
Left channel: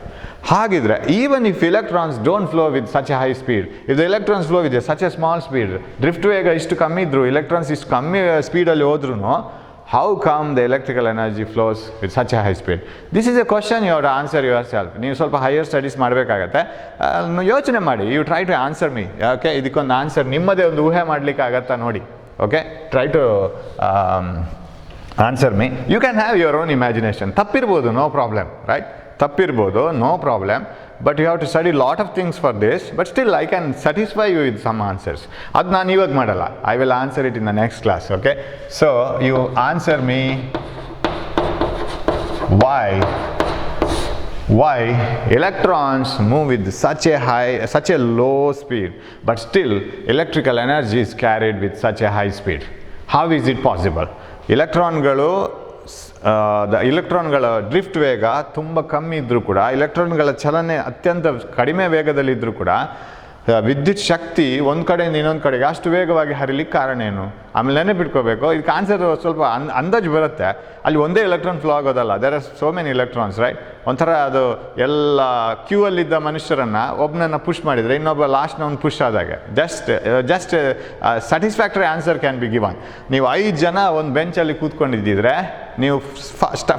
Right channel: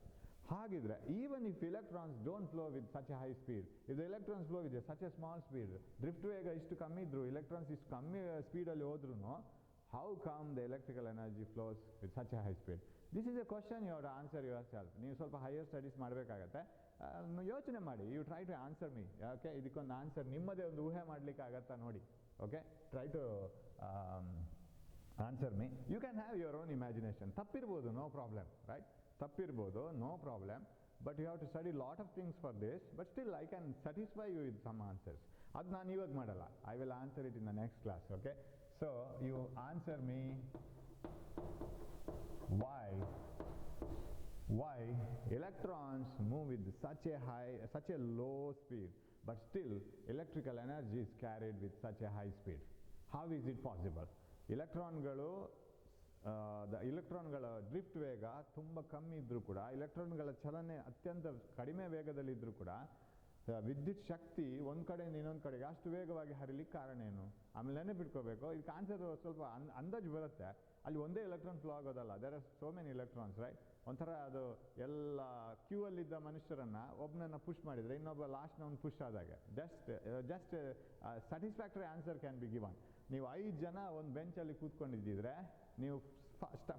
ಹಾಗಿದ್ರೆ even if electrons don't flow with such a high speed, if the electrons flow with such a small speed, drift ವೇಗ ಇಷ್ಟು ಕಮ್ಮಿ ಇದ್ರು, ಎಲೆಕ್ಟ್ರಾನ್ಸ್ ಇಷ್ಟು ಕಮ್ಮಿ ಸ್ಪೀಡಲ್ಲಿ ಹೋದ್ರೂ, how come the electrical energy flows with such a high speed? This is a question you have to answer yourself. ನೀವು ಸ್ವಲ್ಪ ಹೈಯರ್ ಸ್ಟಡೀಸ್ ಮಾಡಬೇಕಾಗತ್ತೆ. ಯೋಚನೆ ಮಾಡಿ, you try to answer me. Okay, ಇದಕ್ಕೊಂದು ಆನ್ಸರ್ ನಿಮ್ಮದೇ ಒಂದು ಊಹೆ ಮಾಡಲಿಕ್ಕೆ ಆಗತ್ತಾ ನೋಡಿ. Okay, try to answer me. You can have your own imagination. ತಪ್ಪಿರ್ಬೋದು, ನೋ ಪ್ರಾಬ್ಲಮ್, ರೈಟ್? ತಪ್ಪಿರ್ಬೋದು, no problem. But you have to study lot of things for this. But still I can satisfy you with some answers. ಅದು ನಾನು ಇವಾಗ ಮಾಡಲ್ಲ. I will answer it in the next class. Okay? So you answer me why electrons move with such a low speed, but still electrical energy is carried with such a high speed. How is it possible? ಇಲೆಕ್ಟ್ರಾನ್ಗಳ ಡ್ರಿಫ್ಟ್ ವೇಗ ತುಂಬ ಕಮ್ಮಿ ಇದ್ದರೂ ಕೂಡ, ಇಲೆಕ್ಟ್ರಾನ್ಗಳ ಚಲನೆ ಅತ್ಯಂತ ಕಡಿಮೆ ವೇಗದಲ್ಲಿದ್ದರೂ ಕೂಡ, ವಿದ್ಯುತ್ ಶಕ್ತಿ ಒಂದು ಕಡೆಯಿಂದ ಇನ್ನೊಂದು ಕಡೆಗೆ ಅಷ್ಟು ವೇಗವಾಗಿ ಹರಿಲಿಕ್ಕೆ ಕಾರಣ ಏನು? ಆಮೇಲೆ ನೆನಪಿಟ್ಕೋಬೇಕು, ಇದಕ್ಕೆ ಆನ್ಸರ್ ಸ್ವಲ್ಪ ಅಂದಾಜು ಬರುತ್ತೆ. ಅಲ್ಲಿ ಒಂದೇ ಎಲೆಕ್ಟ್ರಾನ್ ಫ್ಲೋ ಆಗೋದಲ್ಲ, there are so many electrons, right? ಒಂಥರ ಅದು ಎಲ್ಲ ಕ್ಯೂ ಅಲ್ಲಿದ್ದ ಮನುಷ್ಯರನ್ನು ಒಬ್ಬನನ್ನು ಪುಷ್ ಮಾಡಿದರೆ ಇನ್ನೊಬ್ಬ ಲಾಸ್ಟ್ನ ಒಂದು ಪುಷ್ ಆದಾಗೆ. Just satisfactory answer can be given. ನೀವು 5 ಜನ ಒಂದು ಬೆಂಚಲ್ಲಿ ಕೂತ್ಕೊಂಡಿದ್ದಿದ್ರೆ, ನೀವು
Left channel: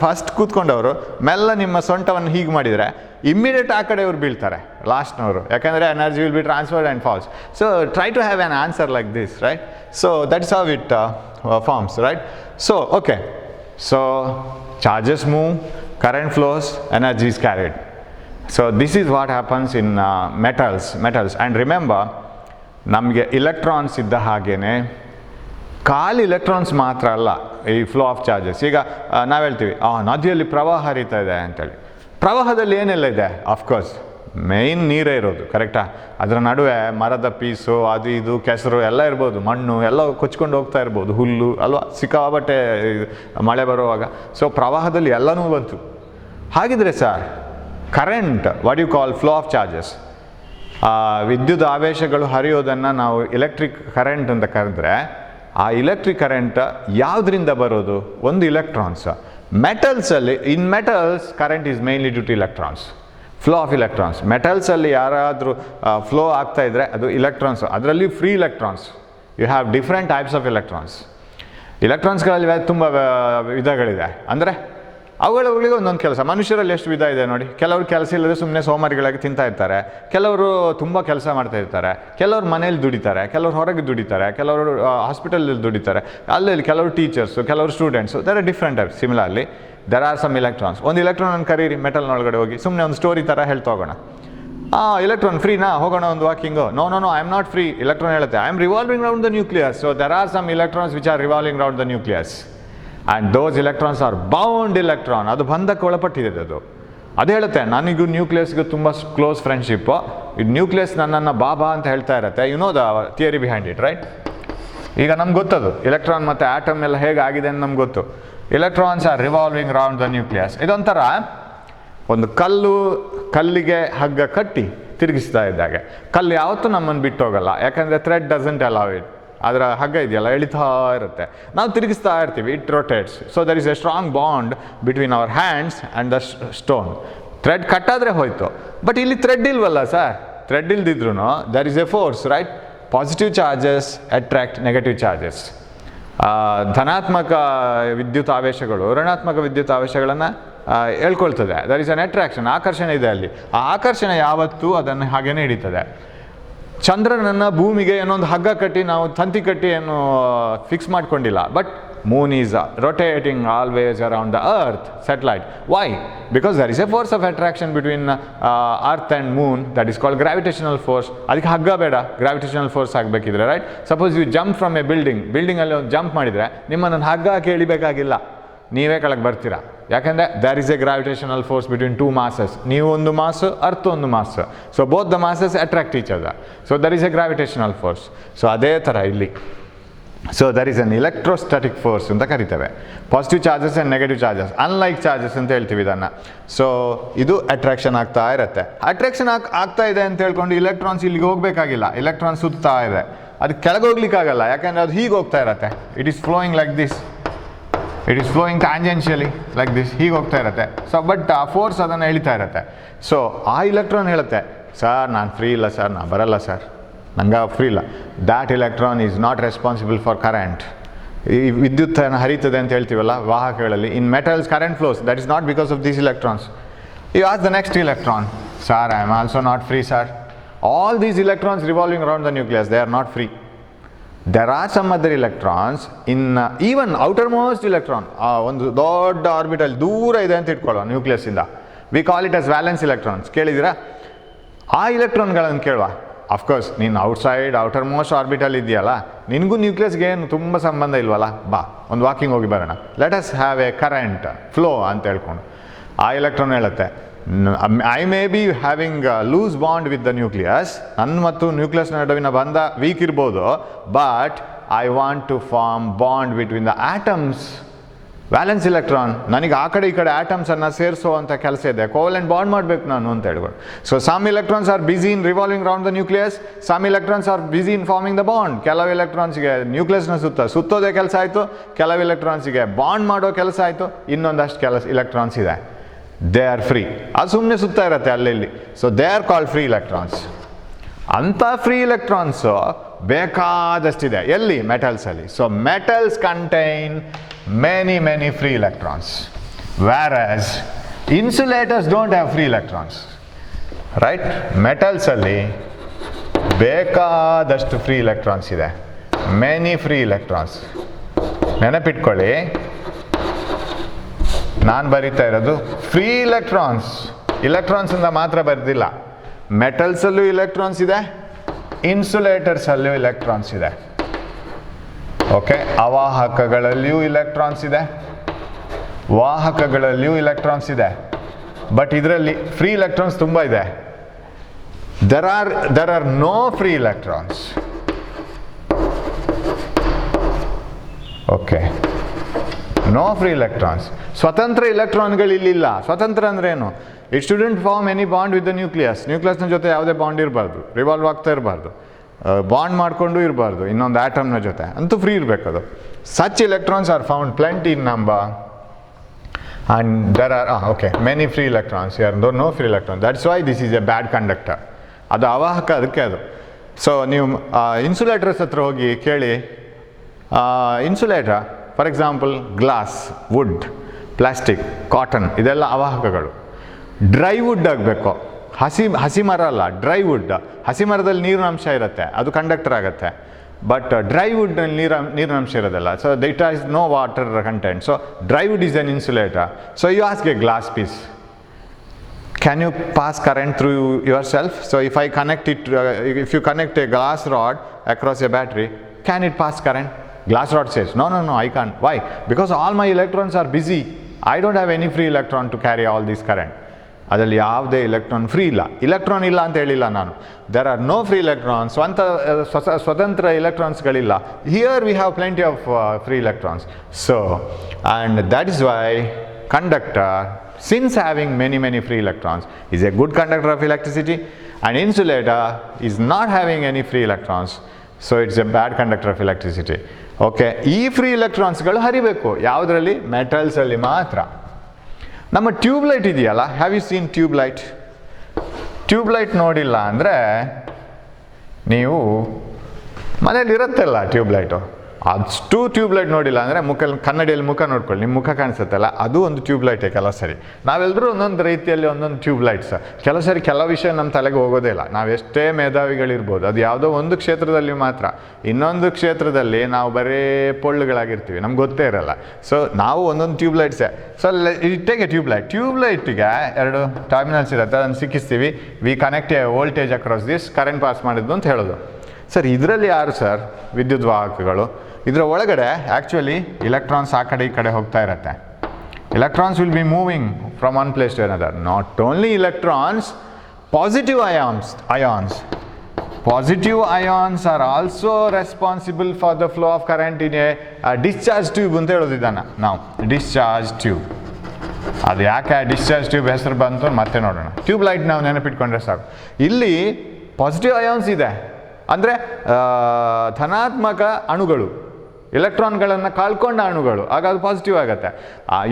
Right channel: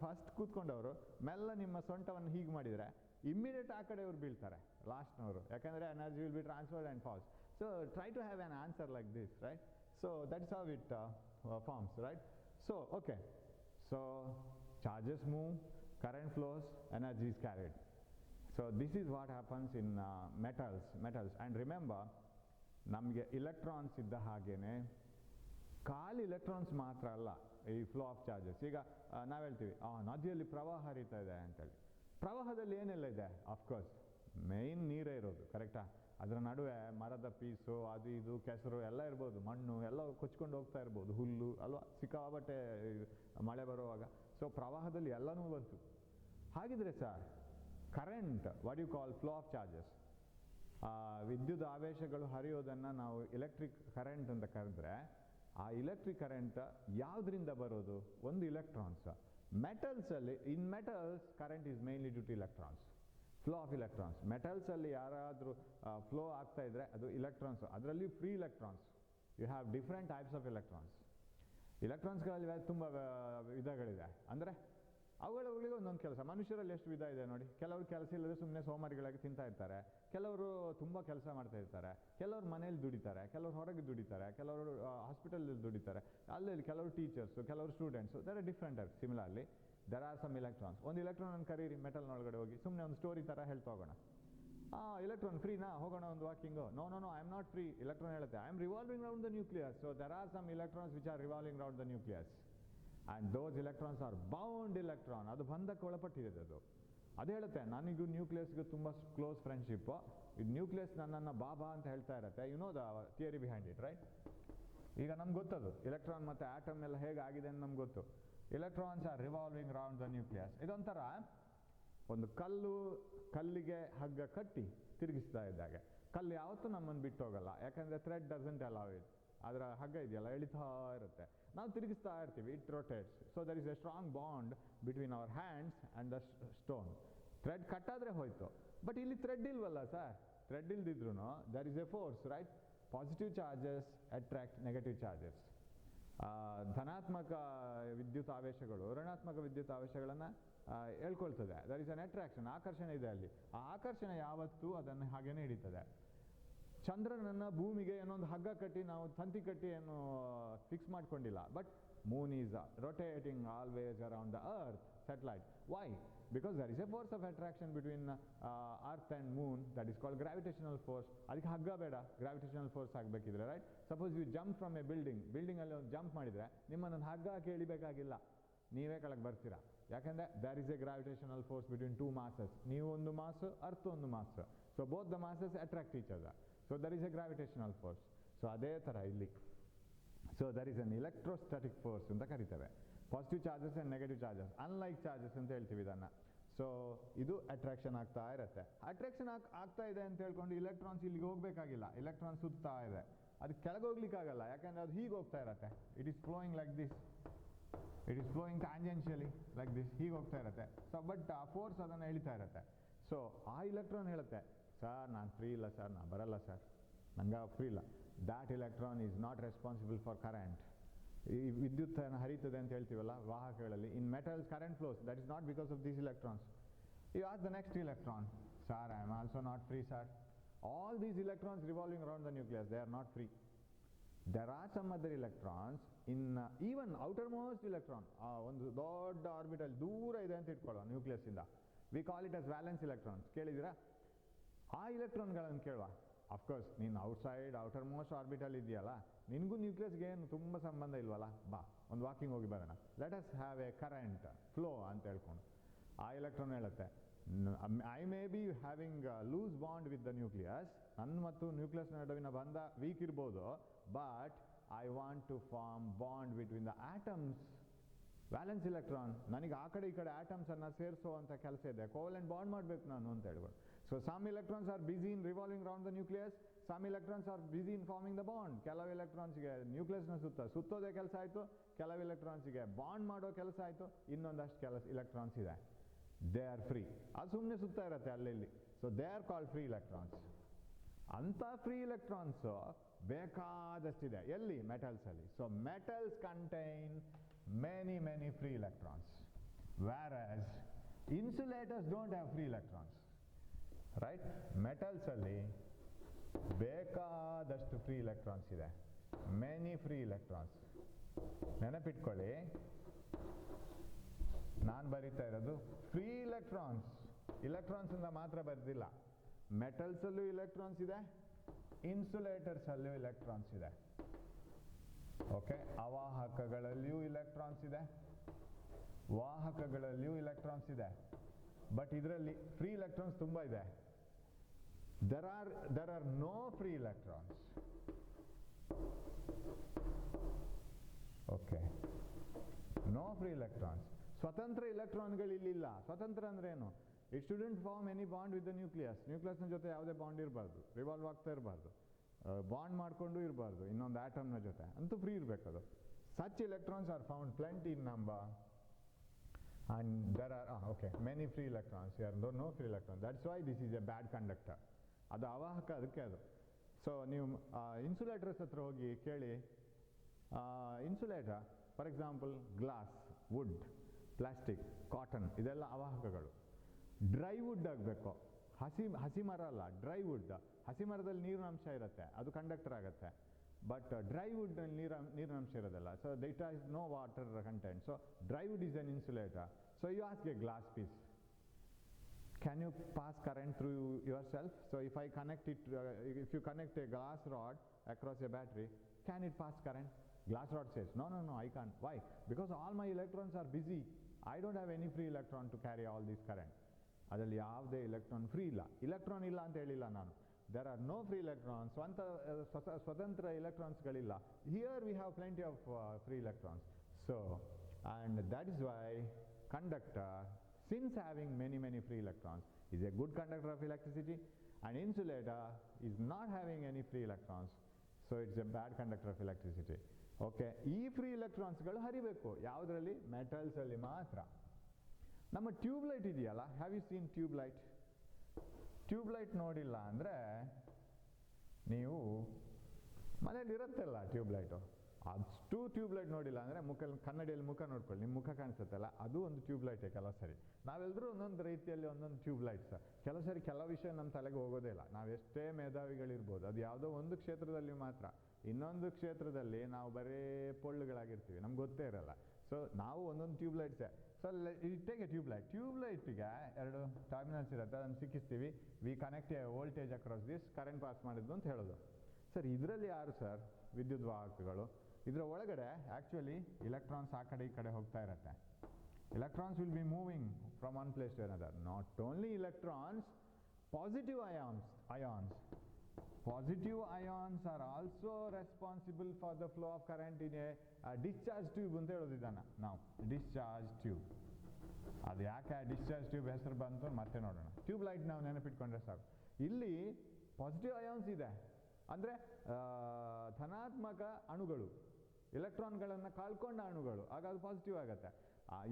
ಫಸ್ಟ್ ಕೂತ್ಕೊಂಡವರು ಮೆಲ್ಲ ನಿಮ್ಮ ಸೊಂಟವನ್ನು ಹೀಗೆ ಮಾಡಿದರೆ ಇಮ್ಮಿಡಿಯೇಟ್ ಆ ಕಡೆ ಇವ್ರು ಬೀಳ್ತಾರೆ, ಲಾಸ್ಟ್ನವರು. ಯಾಕಂದರೆ energy will be transferred and falls. So try to have an answer like this, right? So that is how it forms, right? So okay, so charges move, current flows, energy is carried. So this is what happens in metals. And remember, ನಮಗೆ ಇಲೆಕ್ಟ್ರಾನ್ಸ್ ಇದ್ದ ಹಾಗೇನೆ ಖಾಲಿ ಇಲೆಕ್ಟ್ರಾನ್ಸ್ ಮಾತ್ರ ಅಲ್ಲ ಈ ಫ್ಲೋ ಆಫ್ ಚಾರ್ಜಸ್. ಈಗ ನಾವು ಹೇಳ್ತೀವಿ ನದಿಯಲ್ಲಿ ಪ್ರವಾಹ ಹರಿತಾ ಇದೆ ಅಂತೇಳಿ. ಪ್ರವಾಹದಲ್ಲಿ ಏನೆಲ್ಲ ಇದೆ? ಆಫ್ಕೋರ್ಸ್ ಮೇಯ್ನ್ ನೀರೇ ಇರೋದು, ಕರೆಕ್ಟಾ? ಅದರ ನಡುವೆ ಮರದ ಪೀಸು, ಅದು ಇದು ಕೆಸರು ಎಲ್ಲ ಇರ್ಬೋದು, ಮಣ್ಣು ಎಲ್ಲ ಕೊಚ್ಕೊಂಡು ಹೋಗ್ತಾ ಇರ್ಬೋದು, ಹುಲ್ಲು ಅಲ್ವಾ, ಸಿಕ್ಕಾಬಟ್ಟೆ ಮಳೆ ಬರುವಾಗ. ಸೊ ಪ್ರವಾಹದಲ್ಲಿ ಎಲ್ಲನೂ ಬಂತು. ಹಾಗಿದ್ರೆ sir current, what you call flow of charges, ವಿದ್ಯುತ್ ಆವೇಶಗಳು ಹರಿಯೋದನ್ನು ನಾವು ಎಲೆಕ್ಟ್ರಿಕ್ ಕರೆಂಟ್ ಅಂತ ಕರೆದ್ರೆ, ಆ ಎಲೆಕ್ಟ್ರಿಕ್ ಕರೆಂಟ್ ಯಾವುದರಿಂದ ಬರೋದು? ಒಂದು ಇಲೆಕ್ಟ್ರಾನ್ಸ್. ಮೆಟಲ್ಸಲ್ಲಿ, in metals current is mainly due to electrons, flow of electrons. ಮೆಟಲ್ಸಲ್ಲಿ ಯಾರಾದರೂ ಫ್ಲೋ ಆಗ್ತಾ ಇದ್ದರೆ ಅದು ಇಲೆಕ್ಟ್ರಾನ್ಸ್. ಅದರಲ್ಲಿ free electrons. You have different types of electrons. ಇಲೆಕ್ಟ್ರಾನ್ಸ್ಗಳಲ್ಲಿ ತುಂಬ ವಿಧಗಳಿದೆ. ಅಂದರೆ ಅವುಗಳಿಗೆ ಒಂದೊಂದು ಕೆಲಸ. ಮನುಷ್ಯರಲ್ಲಿ ಎಷ್ಟು ವಿಧ ಇದೆ ನೋಡಿ. ಕೆಲವರು ಕೆಲಸ ಇಲ್ಲದೆ ಸುಮ್ಮನೆ ಸೋಮಾರಿಗಳಾಗಿ ತಿಂತಾ ಇರ್ತಾರೆ, ಕೆಲವರು ತುಂಬ ಕೆಲಸ ಮಾಡ್ತಾ ಇರ್ತಾರೆ, ಕೆಲವರು ಮನೇಲಿ ದುಡಿತಾರೆ, ಕೆಲವರು ಹೊರಗೆ ದುಡಿತಾರೆ, ಕೆಲವರು ಹಾಸ್ಪಿಟಲಲ್ಲಿ ದುಡಿತಾರೆ, ಅಲ್ಲಿ ಕೆಲವರು ಟೀಚರ್ಸು, ಕೆಲವರು students. There are different types. Similarly there are some electrons. ಒಂದು ಇಲೆಕ್ಟ್ರಾನ್ ಕರೀರಿ ಮೆಟಲ್ನೊಳಗಡೆ ಹೋಗಿ, ಸುಮ್ಮನೆ ಒಂದು ಸ್ಟೋರಿ ಥರ ಹೇಳ್ತಾ ಹೋಗೋಣ. ಇಲೆಕ್ಟ್ರಾನ್ ಫ್ರೀನಾ, ಹೋಗೋಣ ಒಂದು walking. No I am not free. Electron ಹೇಳುತ್ತೆ I am revolving round the nucleus. So there are some electrons which are revolving round the nucleus. And those electrons are bound electron. ಅದು ಬಂಧಕ್ಕೆ ಒಳಪಟ್ಟಿದೆ. ಅದು ಹೇಳುತ್ತೆ ನನಗೂ ನ್ಯೂಕ್ಲಿಯಸ್ಗೂ ತುಂಬ ಕ್ಲೋಸ್ ಫ್ರೆಂಡ್ಶಿಪ್ಪು. ಇದು ನ್ಯೂಕ್ಲಿಯಸ್ ನನ್ನನ್ನು ಬಾಬಾ ಅಂತ ಹೇಳ್ತಾ ಇರುತ್ತೆ. You know the theory behind it, right? ಈಗ ನಮ್ಗೆ ಗೊತ್ತದು ಇಲೆಕ್ಟ್ರಾನ್ ಮತ್ತು ಆಟಮ್ ಎಲ್ಲ ಹೇಗೆ ಆಗಿದೆ ಅಂತ ನಮ್ಗೆ ಗೊತ್ತು. Electrons are revolving round the nucleus. ಇದೊಂಥರ ಒಂದು ಕಲ್ಲಿಗೆ ಹಗ್ಗ ಕಟ್ಟಿ ತಿರುಗಿಸ್ತಾ ಇದ್ದಾಗೆ. ಕಲ್ಲು ಯಾವತ್ತೂ ನಮ್ಮನ್ನು ಬಿಟ್ಟು ಹೋಗಲ್ಲ, ಯಾಕಂದರೆ ಥ್ರೆಡ್ ಡಸಂಟ್ ಅಲೌ ಇಟ್. ಅದರ ಹಗ್ಗ ಇದೆಯಲ್ಲ ಎಳಿತಾ ಇರುತ್ತೆ, ನಾವು ತಿರುಗಿಸ್ತಾ ಇರ್ತೀವಿ, it rotates. So there is a strong bond between our hands and the stone. Thread ಕಟ್ಟಾದರೆ ಹೋಯ್ತು, ಬಟ್ ಇಲ್ಲಿ ಥ್ರೆಡ್ ಇಲ್ವಲ್ಲ ಸರ್, ಥ್ರೆಡ್ ಇಲ್ದಿದ್ರು there is a force, right? Positive charges attract negative charges. ಧನಾತ್ಮಕ ವಿದ್ಯುತ್ ಆವೇಶಗಳು ಋಣಾತ್ಮಕ ವಿದ್ಯುತ್ ಆವೇಶಗಳನ್ನು ಹೇಳ್ಕೊಳ್ತದೆ. ದರ್ ಇಸ್ ಅನ್ ಅಟ್ರಾಕ್ಷನ್, ಆಕರ್ಷಣೆ ಇದೆ ಅಲ್ಲಿ. ಆ ಆಕರ್ಷಣೆ ಯಾವತ್ತೂ ಅದನ್ನು ಹಾಗೇನೆ ಹಿಡಿತದೆ. ಚಂದ್ರನನ್ನು ಭೂಮಿಗೆ ಏನೊಂದು ಹಗ್ಗ ಕಟ್ಟಿ ನಾವು ತಂತಿ ಕಟ್ಟಿ ಏನು ಫಿಕ್ಸ್ ಮಾಡ್ಕೊಂಡಿಲ್ಲ, but moon is rotating always around the earth, satellite. Why? Because there is a force of attraction between earth and moon, that is called gravitational force. ಅದಕ್ಕೆ ಹಗ್ಗ ಬೇಡ, ಗ್ರಾವಿಟೇಷನಲ್ ಫೋರ್ಸ್ ಆಗಬೇಕಿದ್ರೆ, right? Suppose you jump from a ಬಿಲ್ಡಿಂಗಲ್ಲಿ ಒಂದು ಜಂಪ್ ಮಾಡಿದರೆ ನಿಮ್ಮನ್ನು ಹಗ್ಗ ಹಾಕಿ ಎಳಿಬೇಕಾಗಿಲ್ಲ, ನೀವೇ ಕೆಳಗೆ ಬರ್ತೀರಾ. ಯಾಕೆಂದರೆ there is a gravitational force between two masses. ನೀವು ಒಂದು ಮಾಸ್, ಅರ್ತ್ ಒಂದು mass. So both the masses attract each other. So there is a gravitational force. So ಅದೇ ಥರ ಇಲ್ಲಿ. So there is an electrostatic force ಅಂತ ಕರಿತೇವೆ. Positive charges and negative charges, unlike charges ಅಂತ ಹೇಳ್ತೀವಿ ಇದನ್ನು. ಸೊ ಇದು ಅಟ್ರಾಕ್ಷನ್ ಆಗ್ತಾ ಇರುತ್ತೆ. ಅಟ್ರಾಕ್ಷನ್ ಆಗ್ತಾ ಇದೆ ಅಂತ ಹೇಳ್ಕೊಂಡು ಇಲೆಕ್ಟ್ರಾನ್ಸ್ ಇಲ್ಲಿಗೆ ಹೋಗಬೇಕಾಗಿಲ್ಲ, ಇಲೆಕ್ಟ್ರಾನ್ಸ್ ಸುತ್ತಾ ಇದೆ, ಅದು ಕೆಳಗೆ ಹೋಗ್ಲಿಕ್ಕಾಗಲ್ಲ, ಯಾಕೆಂದರೆ ಅದು ಹೀಗೆ ಹೋಗ್ತಾ ಇರುತ್ತೆ. It is flowing like this, it is flowing tangentially like this, ಹೀಗೆ ಹೋಗ್ತಾ ಇರುತ್ತೆ. ಸೊ ಬಟ್ ಆ ಫೋರ್ಸ್ ಅದನ್ನು ಎಳಿತಾ ಇರುತ್ತೆ. ಸೊ ಆ ಇಲೆಕ್ಟ್ರಾನ್ ಹೇಳುತ್ತೆ, ಸರ್ ನಾನು ಫ್ರೀ ಇಲ್ಲ ಸರ್, ನಾನು ಬರಲ್ಲ ಸರ್, ನಂಗೆ ಫ್ರೀ ಇಲ್ಲ. That electron is not responsible for current. ಈ ವಿದ್ಯುತ್ ಹರಿತದೆ ಅಂತ ಹೇಳ್ತೀವಲ್ಲ ವಾಹಕಗಳಲ್ಲಿ, in metals current flows, that is not because of these electrons. You as the next electron, sir I am also not free sir. All these electrons revolving around the nucleus, they are not free. There are some other electrons in even outermost electron, ಒಂದು ದೊಡ್ಡ ಆರ್ಬಿಟಲ್ ದೂರ ಇದೆ ಅಂತ ಇಟ್ಕೊಳ್ಳೋ ನ್ಯೂಕ್ಲಿಯಸ್ಸಿಂದ, we call it as valence electrons. ಕೇಳಿದ್ದೀರಾ? ಆ ಇಲೆಕ್ಟ್ರಾನ್ಗಳನ್ನು ಕೇಳುವ. ಅಫ್ಕೋರ್ಸ್ ನೀನು ಔಟ್ಸೈಡ್ ಔಟರ್ಮೋಸ್ಟ್ ಆರ್ಬಿಟಲ್ ಇದೆಯಲ್ಲ, ನಿನಗೂ ನ್ಯೂಕ್ಲಿಯಸ್ಗೆ ಏನು ತುಂಬ ಸಂಬಂಧ ಇಲ್ವಲ್ಲ, ಬಾ ಒಂದು ವಾಕಿಂಗ್ ಹೋಗಿ ಬರೋಣ, let us have a current flow ಅಂತ ಹೇಳ್ಕೊಂಡು. ಆ ಇಲೆಕ್ಟ್ರಾನ್ ಹೇಳುತ್ತೆ, I may be having loose bond with the nucleus, ನನ್ನ ಮತ್ತು ನ್ಯೂಕ್ಲಿಯಸ್ ನಡುವಿನ ಬಂಧ ವೀಕ್ ಇರ್ಬೋದು, but I want to form bond between the atoms. Valence electron, ನನಗೆ ಆ ಕಡೆ ಈ ಕಡೆ ಆಟಮ್ಸನ್ನು ಸೇರಿಸುವಂಥ ಕೆಲಸ ಇದೆ, ಕೋವೆಲೆಂಟ್ ಬಾಂಡ್ ಮಾಡಬೇಕು ನಾನು ಅಂತ ಹೇಳ್ಬೋದು. So some electrons are busy in revolving round the nucleus, some electrons are busy in forming the bond. ಕೆಲವು ಎಲೆಕ್ಟ್ರಾನ್ಸ್ಗೆ ನ್ಯೂಕ್ಲಿಯಸ್ನ ಸುತ್ತೋದೇ ಕೆಲಸ ಆಯಿತು, ಕೆಲವು ಎಲೆಕ್ಟ್ರಾನ್ಸ್ಗೆ ಬಾಂಡ್ ಮಾಡೋ ಕೆಲಸ ಆಯಿತು, ಇನ್ನೊಂದಷ್ಟು ಇಲೆಕ್ಟ್ರಾನ್ಸ್ ಇದೆ, ದೇ ಆರ್ ಫ್ರೀ, ಅದು ಸುಮ್ಮನೆ ಸುತ್ತಾ ಇರುತ್ತೆ ಅಲ್ಲಿ. So they are called free electrons. ಅಂಥ ಫ್ರೀ ಎಲೆಕ್ಟ್ರಾನ್ಸು ಬೇಕಾದಷ್ಟಿದೆ ಎಲ್ಲಿ? ಮೆಟಲ್ಸಲ್ಲಿ. So metals contain many free electrons, whereas insulators don't have free electrons, right? Metals ಅಲ್ಲಿ ಬೇಕಾದಷ್ಟು ಫ್ರೀ ಎಲೆಕ್ಟ್ರಾನ್ಸ್ ಇದೆ, ಮೆನಿ ಫ್ರೀ ಎಲೆಕ್ಟ್ರಾನ್ಸ್. ನೆನಪಿಟ್ಕೊಳ್ಳಿ, ನಾನು ಬರೀತಾ ಇರೋದು ಫ್ರೀ ಎಲೆಕ್ಟ್ರಾನ್ಸ್, ಇಲೆಕ್ಟ್ರಾನ್ಸಿಂದ ಮಾತ್ರ ಬರೆದಿಲ್ಲ. ಮೆಟಲ್ಸಲ್ಲೂ ಇಲೆಕ್ಟ್ರಾನ್ಸ್ ಇದೆ, ಇನ್ಸುಲೇಟರ್ಸಲ್ಲೂ ಇಲೆಕ್ಟ್ರಾನ್ಸ್ ಇದೆ. ಓಕೆ, ಅವಾಹಕಗಳಲ್ಲಿಯೂ ಇಲೆಕ್ಟ್ರಾನ್ಸ್ ಇದೆ, ವಾಹಕಗಳಲ್ಲಿಯೂ ಇಲೆಕ್ಟ್ರಾನ್ಸ್ ಇದೆ, ಬಟ್ ಇದರಲ್ಲಿ ಫ್ರೀ ಎಲೆಕ್ಟ್ರಾನ್ಸ್ ತುಂಬ ಇದೆ. There are no free electrons. Okay, no free electrons. ಸ್ವತಂತ್ರ ಇಲೆಕ್ಟ್ರಾನ್ಗಳು ಇಲ್ಲಿಲ್ಲ. ಸ್ವತಂತ್ರ ಅಂದ್ರೆ ಏನು? It student form any bond with the nucleus. ನ್ಯೂಕ್ಲಿಯಸ್ನ ಜೊತೆ ಯಾವುದೇ ಬಾಂಡ್ ಇರಬಾರ್ದು, ರಿವಾಲ್ವ್ ಆಗ್ತಾ ಇರಬಾರ್ದು, ಬಾಂಡ್ ಮಾಡಿಕೊಂಡು ಇರಬಾರ್ದು ಇನ್ನೊಂದು ಆಟಮ್ನ ಜೊತೆ, ಅಂತೂ ಫ್ರೀ ಇರಬೇಕದು. Such electrons are found plenty in number and there are many free electrons, no free electrons. That's why this is a bad conductor. ಅದು ಅವಾಹಕ, ಅದಕ್ಕೆ ಅದು. ಸೊ ನೀವು ಇನ್ಸುಲೇಟರ್ಸ್ ಹತ್ರ ಹೋಗಿ ಕೇಳಿ, insulator for example glass, wood, plastic, cotton, ಇದೆಲ್ಲ ಅವಾಹಕಗಳು. ಡ್ರೈ ವುಡ್ ಆಗಬೇಕು, ಹಸಿ ಮರ ಅಲ್ಲ, ಡ್ರೈ ವುಡ್. ಹಸಿ ಮರದಲ್ಲಿ ನೀರಿನ ಅಂಶ ಇರುತ್ತೆ, ಅದು ಕಂಡಕ್ಟರ್ ಆಗುತ್ತೆ. ಬಟ್ ಡ್ರೈ ವುಡ್ನಲ್ಲಿ ನೀರಿನ ಅಂಶ ಇರೋದಿಲ್ಲ. So it has no water content. So dry wood is an insulator. So you ask a glass piece, can you pass current through yourself? So if I connect it, if you connect a glass rod across a battery, can it pass current? Glass rod says, no, I can't. Why? Because all my electrons are busy. I don't have any free electron to carry all this current. ಅದರಲ್ಲಿ ಯಾವುದೇ ಇಲೆಕ್ಟ್ರಾನ್ ಫ್ರೀ ಇಲ್ಲ. ಇಲೆಕ್ಟ್ರಾನ್ ಇಲ್ಲ ಅಂತ ಹೇಳಿಲ್ಲ ನಾನು. There are no free electrons. ಸ್ವತಂತ್ರ ಇಲೆಕ್ಟ್ರಾನ್ಸ್ಗಳಿಲ್ಲ. Here we have plenty of free electrons. So and that is why conductor, since having many free electrons, is a good conductor of electricity, and insulator is not having any free electrons, so it's a bad conductor of electricity. Okay, ಈ ಫ್ರೀ ಇಲೆಕ್ಟ್ರಾನ್ಸ್ಗಳು ಹರಿಬೇಕು ಯಾವುದರಲ್ಲಿ? ಮೆಟಲ್ಸಲ್ಲಿ ಮಾತ್ರ. ನಮ್ಮ ಟ್ಯೂಬ್ಲೈಟ್ ಇದೆಯಲ್ಲ, have you seen tube light? Tube light ನೋಡಿಲ್ಲ ಅಂದರೆ ನೀವು ಮನೇಲಿ ಇರುತ್ತಲ್ಲ ಟ್ಯೂಬ್ಲೈಟು, ಅಷ್ಟು ಟ್ಯೂಬ್ಲೈಟ್ ನೋಡಿಲ್ಲ ಅಂದರೆ ಕನ್ನಡಿಯಲ್ಲಿ ಮುಖ ನೋಡ್ಕೊಳ್ಳಿ, ನಿಮ್ಮ ಮುಖ ಕಾಣಿಸುತ್ತಲ್ಲ, ಅದು ಒಂದು ಟ್ಯೂಬ್ಲೈಟೇ ಕೆಲವು ಸರಿ. ನಾವೆಲ್ಲರೂ ಒಂದೊಂದು ರೀತಿಯಲ್ಲಿ ಒಂದೊಂದು ಟ್ಯೂಬ್ಲೈಟ್ಸ್. ಕೆಲವು ಸರಿ ಕೆಲವು ವಿಷಯ ನಮ್ಮ ತಲೆಗೆ ಹೋಗೋದೇ ಇಲ್ಲ. ನಾವೆಷ್ಟೇ ಮೇಧಾವಿಗಳಿರ್ಬೋದು, ಅದು ಯಾವುದೋ ಒಂದು ಕ್ಷೇತ್ರದಲ್ಲಿ ಮಾತ್ರ, ಇನ್ನೊಂದು ಕ್ಷೇತ್ರದಲ್ಲಿ ನಾವು ಬರೀ ಪೊಳ್ಳುಗಳಾಗಿರ್ತೀವಿ, ನಮ್ಗೆ ಗೊತ್ತೇ ಇರಲ್ಲ. ಸೊ ನಾವು ಒಂದೊಂದು ಟ್ಯೂಬ್ಲೈಟ್ಸೇ. ಸೊ ಟೇಕ್ ಎ ಟ್ಯೂಬ್ಲೈಟಿಗೆ 2 ಟರ್ಮಿನಲ್ಸ್ ಇರುತ್ತೆ, ಅದನ್ನು ಸಿಕ್ಕಿಸ್ತೀವಿ. We connect a voltage across this, current pass ಮಾಡಿದ್ದು ಅಂತ ಹೇಳೋದು. ಸರ್ ಇದರಲ್ಲಿ ಯಾರು ಸರ್ ವಿದ್ಯುತ್ ವಾಹಕಗಳು? ಇದರ ಒಳಗಡೆ ಆ್ಯಕ್ಚುಲಿ ಇಲೆಕ್ಟ್ರಾನ್ಸ್ ಆ ಕಡೆ ಈ ಕಡೆ ಹೋಗ್ತಾ ಇರುತ್ತೆ. Electrons will be moving from one place to another. Not only electrons, positive ions. Positive ions are also responsible for the flow of current in a discharge tube ಅಂತ ಹೇಳೋದಿದ್ದಾನೆ ನಾವು. ಡಿಸ್ಚಾರ್ಜ್ ಟ್ಯೂಬ್, ಅದು ಯಾಕೆ ಡಿಸ್ಚಾರ್ಜ್ ಟ್ಯೂಬ್ ಹೆಸರು ಬಂತು ಮತ್ತೆ ನೋಡೋಣ. ಟ್ಯೂಬ್ ಲೈಟ್ ನಾವು ನೆನಪಿಟ್ಕೊಂಡ್ರೆ ಸಾಕು. ಇಲ್ಲಿ ಪಾಸಿಟಿವ್ ಅಯಾನ್ಸ್ ಇದೆ, ಅಂದರೆ ಧನಾತ್ಮಕ ಅಣುಗಳು, ಎಲೆಕ್ಟ್ರಾನ್ಗಳನ್ನು ಕಳ್ಕೊಂಡ ಅಣುಗಳು, ಆಗ ಅದು ಪಾಸಿಟಿವ್ ಆಗುತ್ತೆ.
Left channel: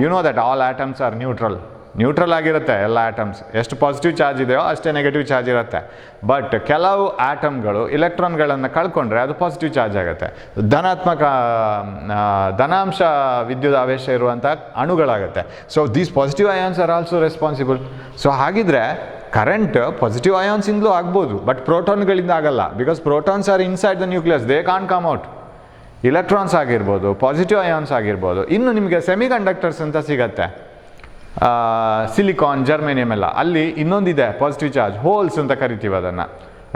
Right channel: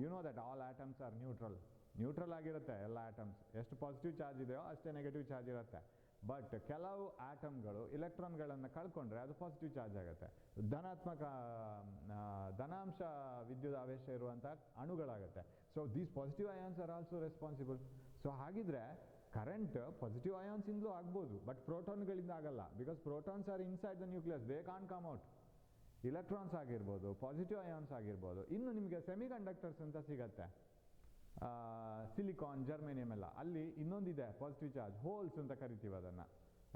You know that all atoms are neutral ಆಗಿರುತ್ತೆ. ಎಲ್ಲ ಆಟಮ್ಸ್ ಎಷ್ಟು ಪಾಸಿಟಿವ್ ಚಾರ್ಜ್ ಇದೆಯೋ ಅಷ್ಟೇ ನೆಗೆಟಿವ್ ಚಾರ್ಜ್ ಇರುತ್ತೆ. ಬಟ್ ಕೆಲವು ಆಟಮ್ಗಳು ಇಲೆಕ್ಟ್ರಾನ್ಗಳನ್ನು ಕಳ್ಕೊಂಡ್ರೆ ಅದು ಪಾಸಿಟಿವ್ ಚಾರ್ಜ್ ಆಗುತ್ತೆ. ಧನಾಂಶ ವಿದ್ಯುತ್ ಆವೇಶ ಇರುವಂಥ ಅಣುಗಳಾಗುತ್ತೆ. So these positive ions are also responsible. So ಹಾಗಿದ್ರೆ ಕರೆಂಟ್ ಪಾಸಿಟಿವ್ ಅಯಾನ್ಸಿಂದಲೂ ಆಗ್ಬೋದು, ಬಟ್ ಪ್ರೋಟಾನ್ಗಳಿಂದ ಆಗಲ್ಲ. Because protons are inside the nucleus, they can't come out. Electrons ಆಗಿರ್ಬೋದು, ಪಾಸಿಟಿವ್ ಅಯಾನ್ಸ್ ಆಗಿರ್ಬೋದು. ಇನ್ನು ನಿಮಗೆ ಸೆಮಿ ಕಂಡಕ್ಟರ್ಸ್ ಅಂತ ಸಿಗತ್ತೆ, ಸಿಲಿಕಾನ್, ಜರ್ಮೇನಿಯಮ್ ಎಲ್ಲ. ಅಲ್ಲಿ ಇನ್ನೊಂದಿದೆ ಪಾಸಿಟಿವ್ ಚಾರ್ಜ್, ಹೋಲ್ಸ್ ಅಂತ ಕರಿತೀವಿ ಅದನ್ನು,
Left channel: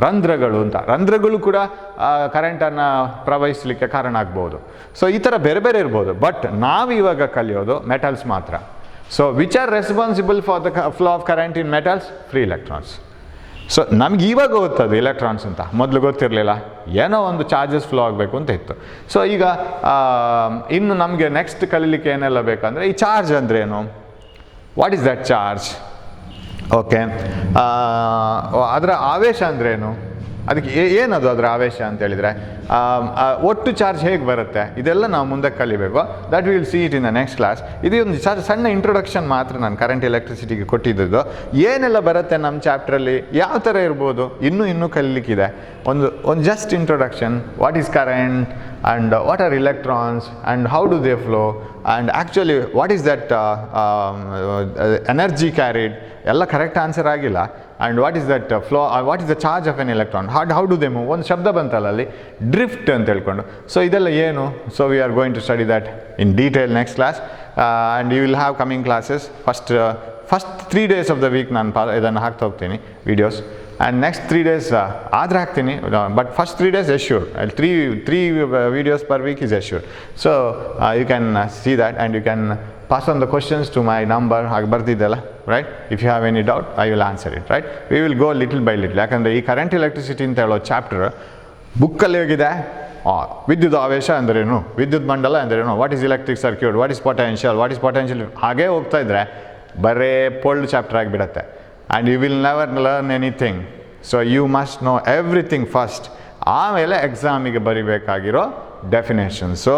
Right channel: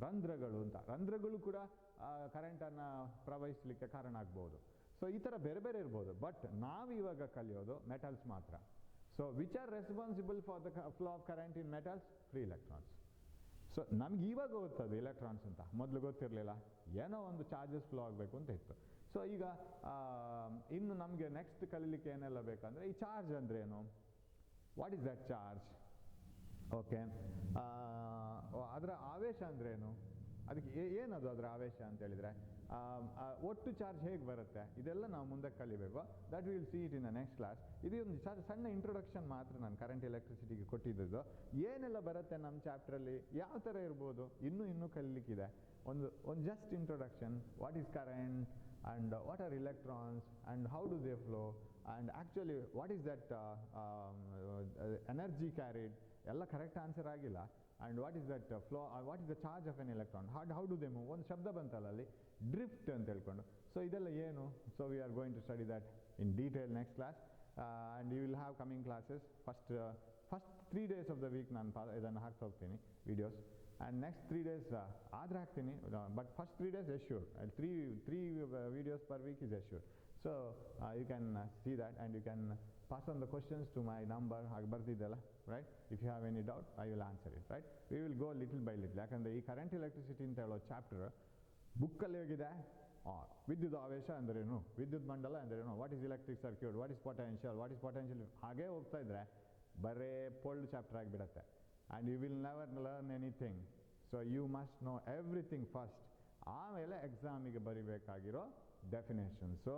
ರಂಧ್ರಗಳು ಅಂತ. ರಂಧ್ರಗಳು ಕೂಡ ಕರೆಂಟನ್ನು ಪ್ರವಹಿಸಲಿಕ್ಕೆ ಕಾರಣ ಆಗ್ಬೋದು. ಸೊ ಈ ಥರ ಬೇರೆ ಬೇರೆ ಇರ್ಬೋದು. ಬಟ್ ನಾವು ಇವಾಗ ಕಲಿಯೋದು ಮೆಟಲ್ಸ್ ಮಾತ್ರ. So which are responsible for the flow of current in metals? Free electrons. So ನಮ್ಗೆ ಇವಾಗ ಗೊತ್ತದು ಎಲೆಕ್ಟ್ರಾನ್ಸ್ ಅಂತ, ಮೊದಲು ಗೊತ್ತಿರಲಿಲ್ಲ. ಏನೋ ಒಂದು ಚಾರ್ಜಸ್ ಫ್ಲೋ ಆಗಬೇಕು ಅಂತ ಇತ್ತು. ಸೊ ಈಗ ಇನ್ನು ನಮಗೆ ನೆಕ್ಸ್ಟ್ ಕಲೀಲಿಕ್ಕೆ ಏನೆಲ್ಲ ಬೇಕಂದರೆ, ಈ ಚಾರ್ಜ್ ಅಂದರೆ ಏನು, what is that charge? Okay, ಅದರ ಆವೇಶ ಅಂದ್ರೇನು, ಅದಕ್ಕೆ ಏನದು ಅದರ ಆವೇಶ ಅಂತ ಹೇಳಿದರೆ, ಒಟ್ಟು ಚಾರ್ಜ್ ಹೇಗೆ ಬರುತ್ತೆ, ಇದೆಲ್ಲ ನಾವು ಮುಂದೆ ಕಲಿಬೇಕು. That will see it in the next class. ಇದು ಒಂದು ಸಣ್ಣ ಇಂಟ್ರೊಡಕ್ಷನ್ ಮಾತ್ರ ನಾನು ಕರೆಂಟ್ ಎಲೆಕ್ಟ್ರಿಸಿಟಿಗೆ ಕೊಟ್ಟಿದ್ದು. ಏನೆಲ್ಲ ಬರುತ್ತೆ ನಮ್ಮ ಚಾಪ್ಟ್ರಲ್ಲಿ, ಯಾವ ಥರ ಇರ್ಬೋದು, ಇನ್ನೂ ಕಲಿಲಿಕ್ಕಿದೆ. ಒಂದು just introduction, what is current and what are electrons and how do they flow and actually what is that energy carried, ಎಲ್ಲ ಕರೆಕ್ಟ್ ಆನ್ಸರ್ ಆಗಿಲ್ಲ. and what is that flow, what is the charge of an electron, how do they move, ಒಂದು ಶಬ್ದ ಬಂತಲ್ಲ ಅಲ್ಲಿ, ಡ್ರಿಫ್ಟ್ ಅಂತ ಹೇಳ್ಕೊಂಡು. ಸೊ ಇದೆಲ್ಲ ಏನು, so we are going to study that in detail next class. and you will have coming classes. first 3 days of the week ನಾನು ಇದನ್ನು ಹಾಕ್ತಾ ಹೋಗ್ತೀನಿ ವಿಡಿಯೋಸ್, and next 3 days ಆದರೆ ಹಾಕ್ತೀನಿ. But first 3 days assured, 3 videos per week is assured. So you can see that and you can pass on the questions to my number, ಹಾಗೆ ಬರ್ತಿದ್ದೆಲ್ಲ, right? If you have any doubt, I will answer it, right? We will go little by little. ಯಾಕಂದರೆ ಈ ಕರೆಂಟ್ ಎಲೆಕ್ಟ್ರಿಸಿಟಿ ಅಂತ ಹೇಳೋ ಚಾಪ್ಟರ್ ಬುಕ್ಕಲ್ಲಿ ಹೋಗಿದೆ. ವಿದ್ಯುತ್ ಆವೇಶ ಅಂದ್ರೇನು, ವಿದ್ಯುತ್ ಮಂಡಲ ಅಂದ್ರೇನು, what is electric circuit, what is potential, ಹಾಗೇ ಹೋಗ್ತಾ ಇದ್ರೆ ಬರೇ ಪೋಲ್ಡ್ ಚಾಪ್ಟರ್ ಆಗಿಬಿಡತ್ತೆ. and you will never learn anything. So you must know everything first. ಆಮೇಲೆ ಎಕ್ಸಾಮಿಗೆ ಬರಿಬೇಕಾಗಿರೋ ಡೆಫಿನೇಷನ್ಸು,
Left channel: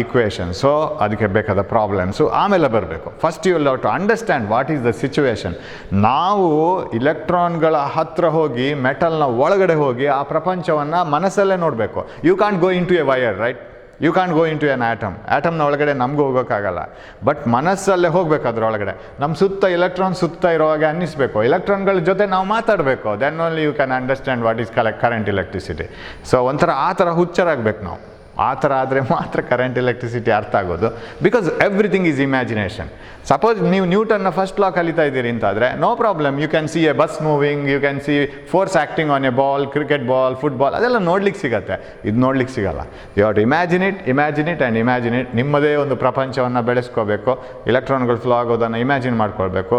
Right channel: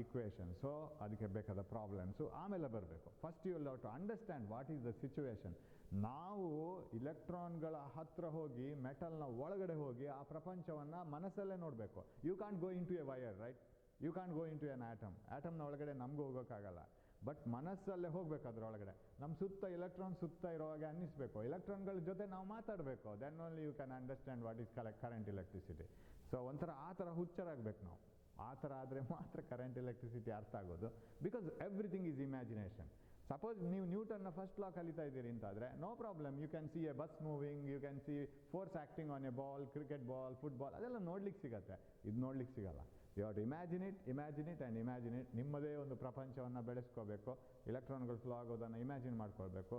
ಈಕ್ವೇಷನ್ಸು, ಅದಕ್ಕೆ ಬೇಕಾದ ಪ್ರಾಬ್ಲಮ್ಸು ಆಮೇಲೆ ಬರಬೇಕು. First you will have to understand what is the situation. ನಾವು ಇಲೆಕ್ಟ್ರಾನ್ಗಳ ಹತ್ರ ಹೋಗಿ, ಮೆಟಲ್ನ ಒಳಗಡೆ ಹೋಗಿ ಆ ಪ್ರಪಂಚವನ್ನು ಮನಸ್ಸಲ್ಲೇ ನೋಡಬೇಕು. You can't go into a wire, right? You can go into an ಆಟಮ್ನ ಒಳಗಡೆ ನಮಗೂ ಹೋಗೋಕ್ಕಾಗಲ್ಲ. ಬಟ್ ಮನಸ್ಸಲ್ಲೇ ಹೋಗ್ಬೇಕು ಅದರೊಳಗಡೆ. ನಮ್ಮ ಸುತ್ತ ಎಲೆಕ್ಟ್ರಾನ್ ಸುತ್ತ ಇರೋವಾಗ ಅನ್ನಿಸ್ಬೇಕು, ಎಲೆಕ್ಟ್ರಾನ್ಗಳ ಜೊತೆ ನಾವು ಮಾತಾಡಬೇಕು. Then only you can understand what is current electricity. So ಒಂಥರ ಆ ಥರ ಹುಚ್ಚರಾಗಬೇಕು ನಾವು. ಆ ಥರ ಆದರೆ ಮಾತ್ರ ಕರೆಂಟ್ ಎಲೆಕ್ಟ್ರಿಸಿಟಿ ಅರ್ಥ ಆಗೋದು. Because everything is imagination. Suppose ನೀವು ನ್ಯೂಟನ್ನ ಫಸ್ಟ್ ಲಾ ಕಲಿತಾ ಇದ್ದೀರಿ ಅಂತಾದರೆ no problem, you can see a bus moving, you can see force acting on a ball, cricket ball, football, ಅದೆಲ್ಲ ನೋಡ್ಲಿಕ್ಕೆ ಸಿಗುತ್ತೆ. ಇದು ನೋಡ್ಲಿಕ್ಕೆ ಸಿಗಲ್ಲ. You have to imagine it. ನಿಮ್ಮದೇ ಒಂದು ಪ್ರಪಂಚವನ್ನು ಬೆಳೆಸ್ಕೋಬೇಕು. ಎಲೆಕ್ಟ್ರಾನ್ಗಳು ಫ್ಲೋ ಆಗೋದನ್ನು ಇಮ್ಯಾಜಿನ್ ಮಾಡ್ಕೊಳ್ಬೇಕು.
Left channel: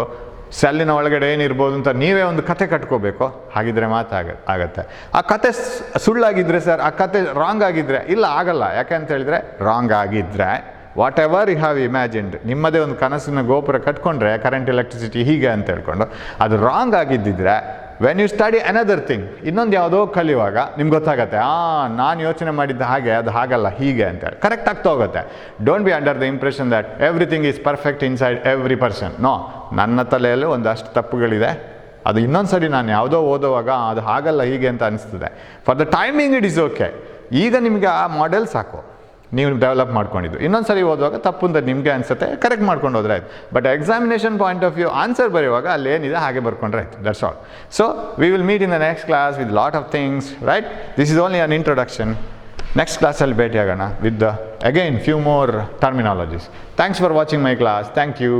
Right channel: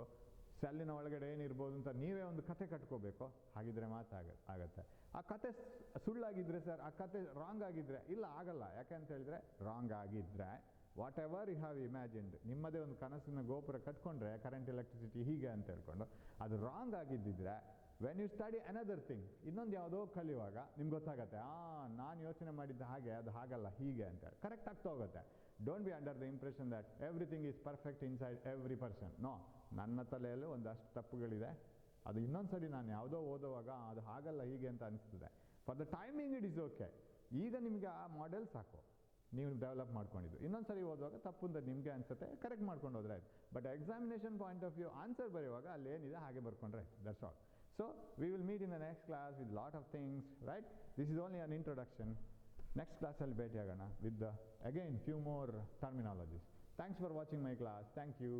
ಸೆಲ್ಲಿನ ಒಳಗಡೆ ಏನಿರ್ಬೋದು ಅಂತ ನೀವೇ ಒಂದು ಕತೆ ಕಟ್ಕೋಬೇಕು. ಹಾಗಿದ್ರೆ ಆಗತ್ತೆ. ಆ ಕತೆ ಸುಳ್ಳಾಗಿದ್ದರೆ ಸರ್, ಆ ಕತೆ ರಾಂಗ್ ಆಗಿದ್ದರೆ ಇಲ್ಲ, ಆಗಲ್ಲ. ಯಾಕೆಂತ ಹೇಳಿದರೆ ರಾಂಗ್ ಆಗಿದ್ದರೆ whatever you have imagined, ನಿಮ್ಮದೇ ಒಂದು ಕನಸಿನ ಗೋಪುರ ಕಟ್ಕೊಂಡ್ರೆ ಕರೆಂಟ್ ಎಲೆಕ್ಟ್ರಿಸಿಟಿ ಹೀಗೆ ಅಂತ ಹೇಳ್ಕೊಂಡು, ಅದು ರಾಂಗ್ ಆಗಿದ್ದಿದ್ರೆ when you study another thing, ಇನ್ನೊಂದು ಯಾವುದೋ ಕಲಿಯುವಾಗ ನಿಮ್ಗೆ ಗೊತ್ತಾಗತ್ತೆ, ನಾನು ಯೋಚನೆ ಮಾಡಿದ್ದ ಹಾಗೆ ಅದು ಹಾಗಲ್ಲ ಹೀಗೆ ಅಂತೇಳಿ ಕರೆಕ್ಟ್ ಆಗ್ತಾ ಹೋಗುತ್ತೆ. Don't be under the impression that everything is perfect inside every person. No, ನನ್ನ ತಲೆಯಲ್ಲಿ ಒಂದಷ್ಟು ತಪ್ಪುಗಳಿದೆ, ಅದು ಇನ್ನೊಂದು ಸರಿ ನಾನು ಯಾವುದೋ ಓದುವಾಗ ಅದು ಹಾಗಲ್ಲ ಹೀಗೆ ಅಂತ ಅನಿಸ್ತದೆ. For the timing it is okay. ಈಗ ನಿಮಗೆ ಆ ಮಾಡೆಲ್ ಸಾಕು, ನೀವು ಡೆವಲಪ್ ಮಾಡ್ಕೊಂಡಿದ್ದು. ಇನ್ನೊಂದು ಸರಿ ಓದುವಾಗ ತಪ್ಪು ಅಂತ ನಿಮಗೆ ಅನಿಸುತ್ತೆ, ಕರೆಕ್ಟ್ ಮಾಡ್ಕೊಂಡು ಹೋದ್ರೆ ಆಯ್ತು. But examination point of view answer ಬರೆಯುವಾಗ ಅಲ್ಲಿ ಏನಿದೆ ಹಾಗೆ ಬರ್ಕೊಂಡ್ರೆ ಆಯ್ತು. That's all. So we will meet in the next class with lot of things, right? This is only an introduction. Next ಕ್ಲಾಸಲ್ಲಿ ಭೇಟಿಯಾಗೋಣ with again few more terminologies. Thanks for watching my class. Thank you.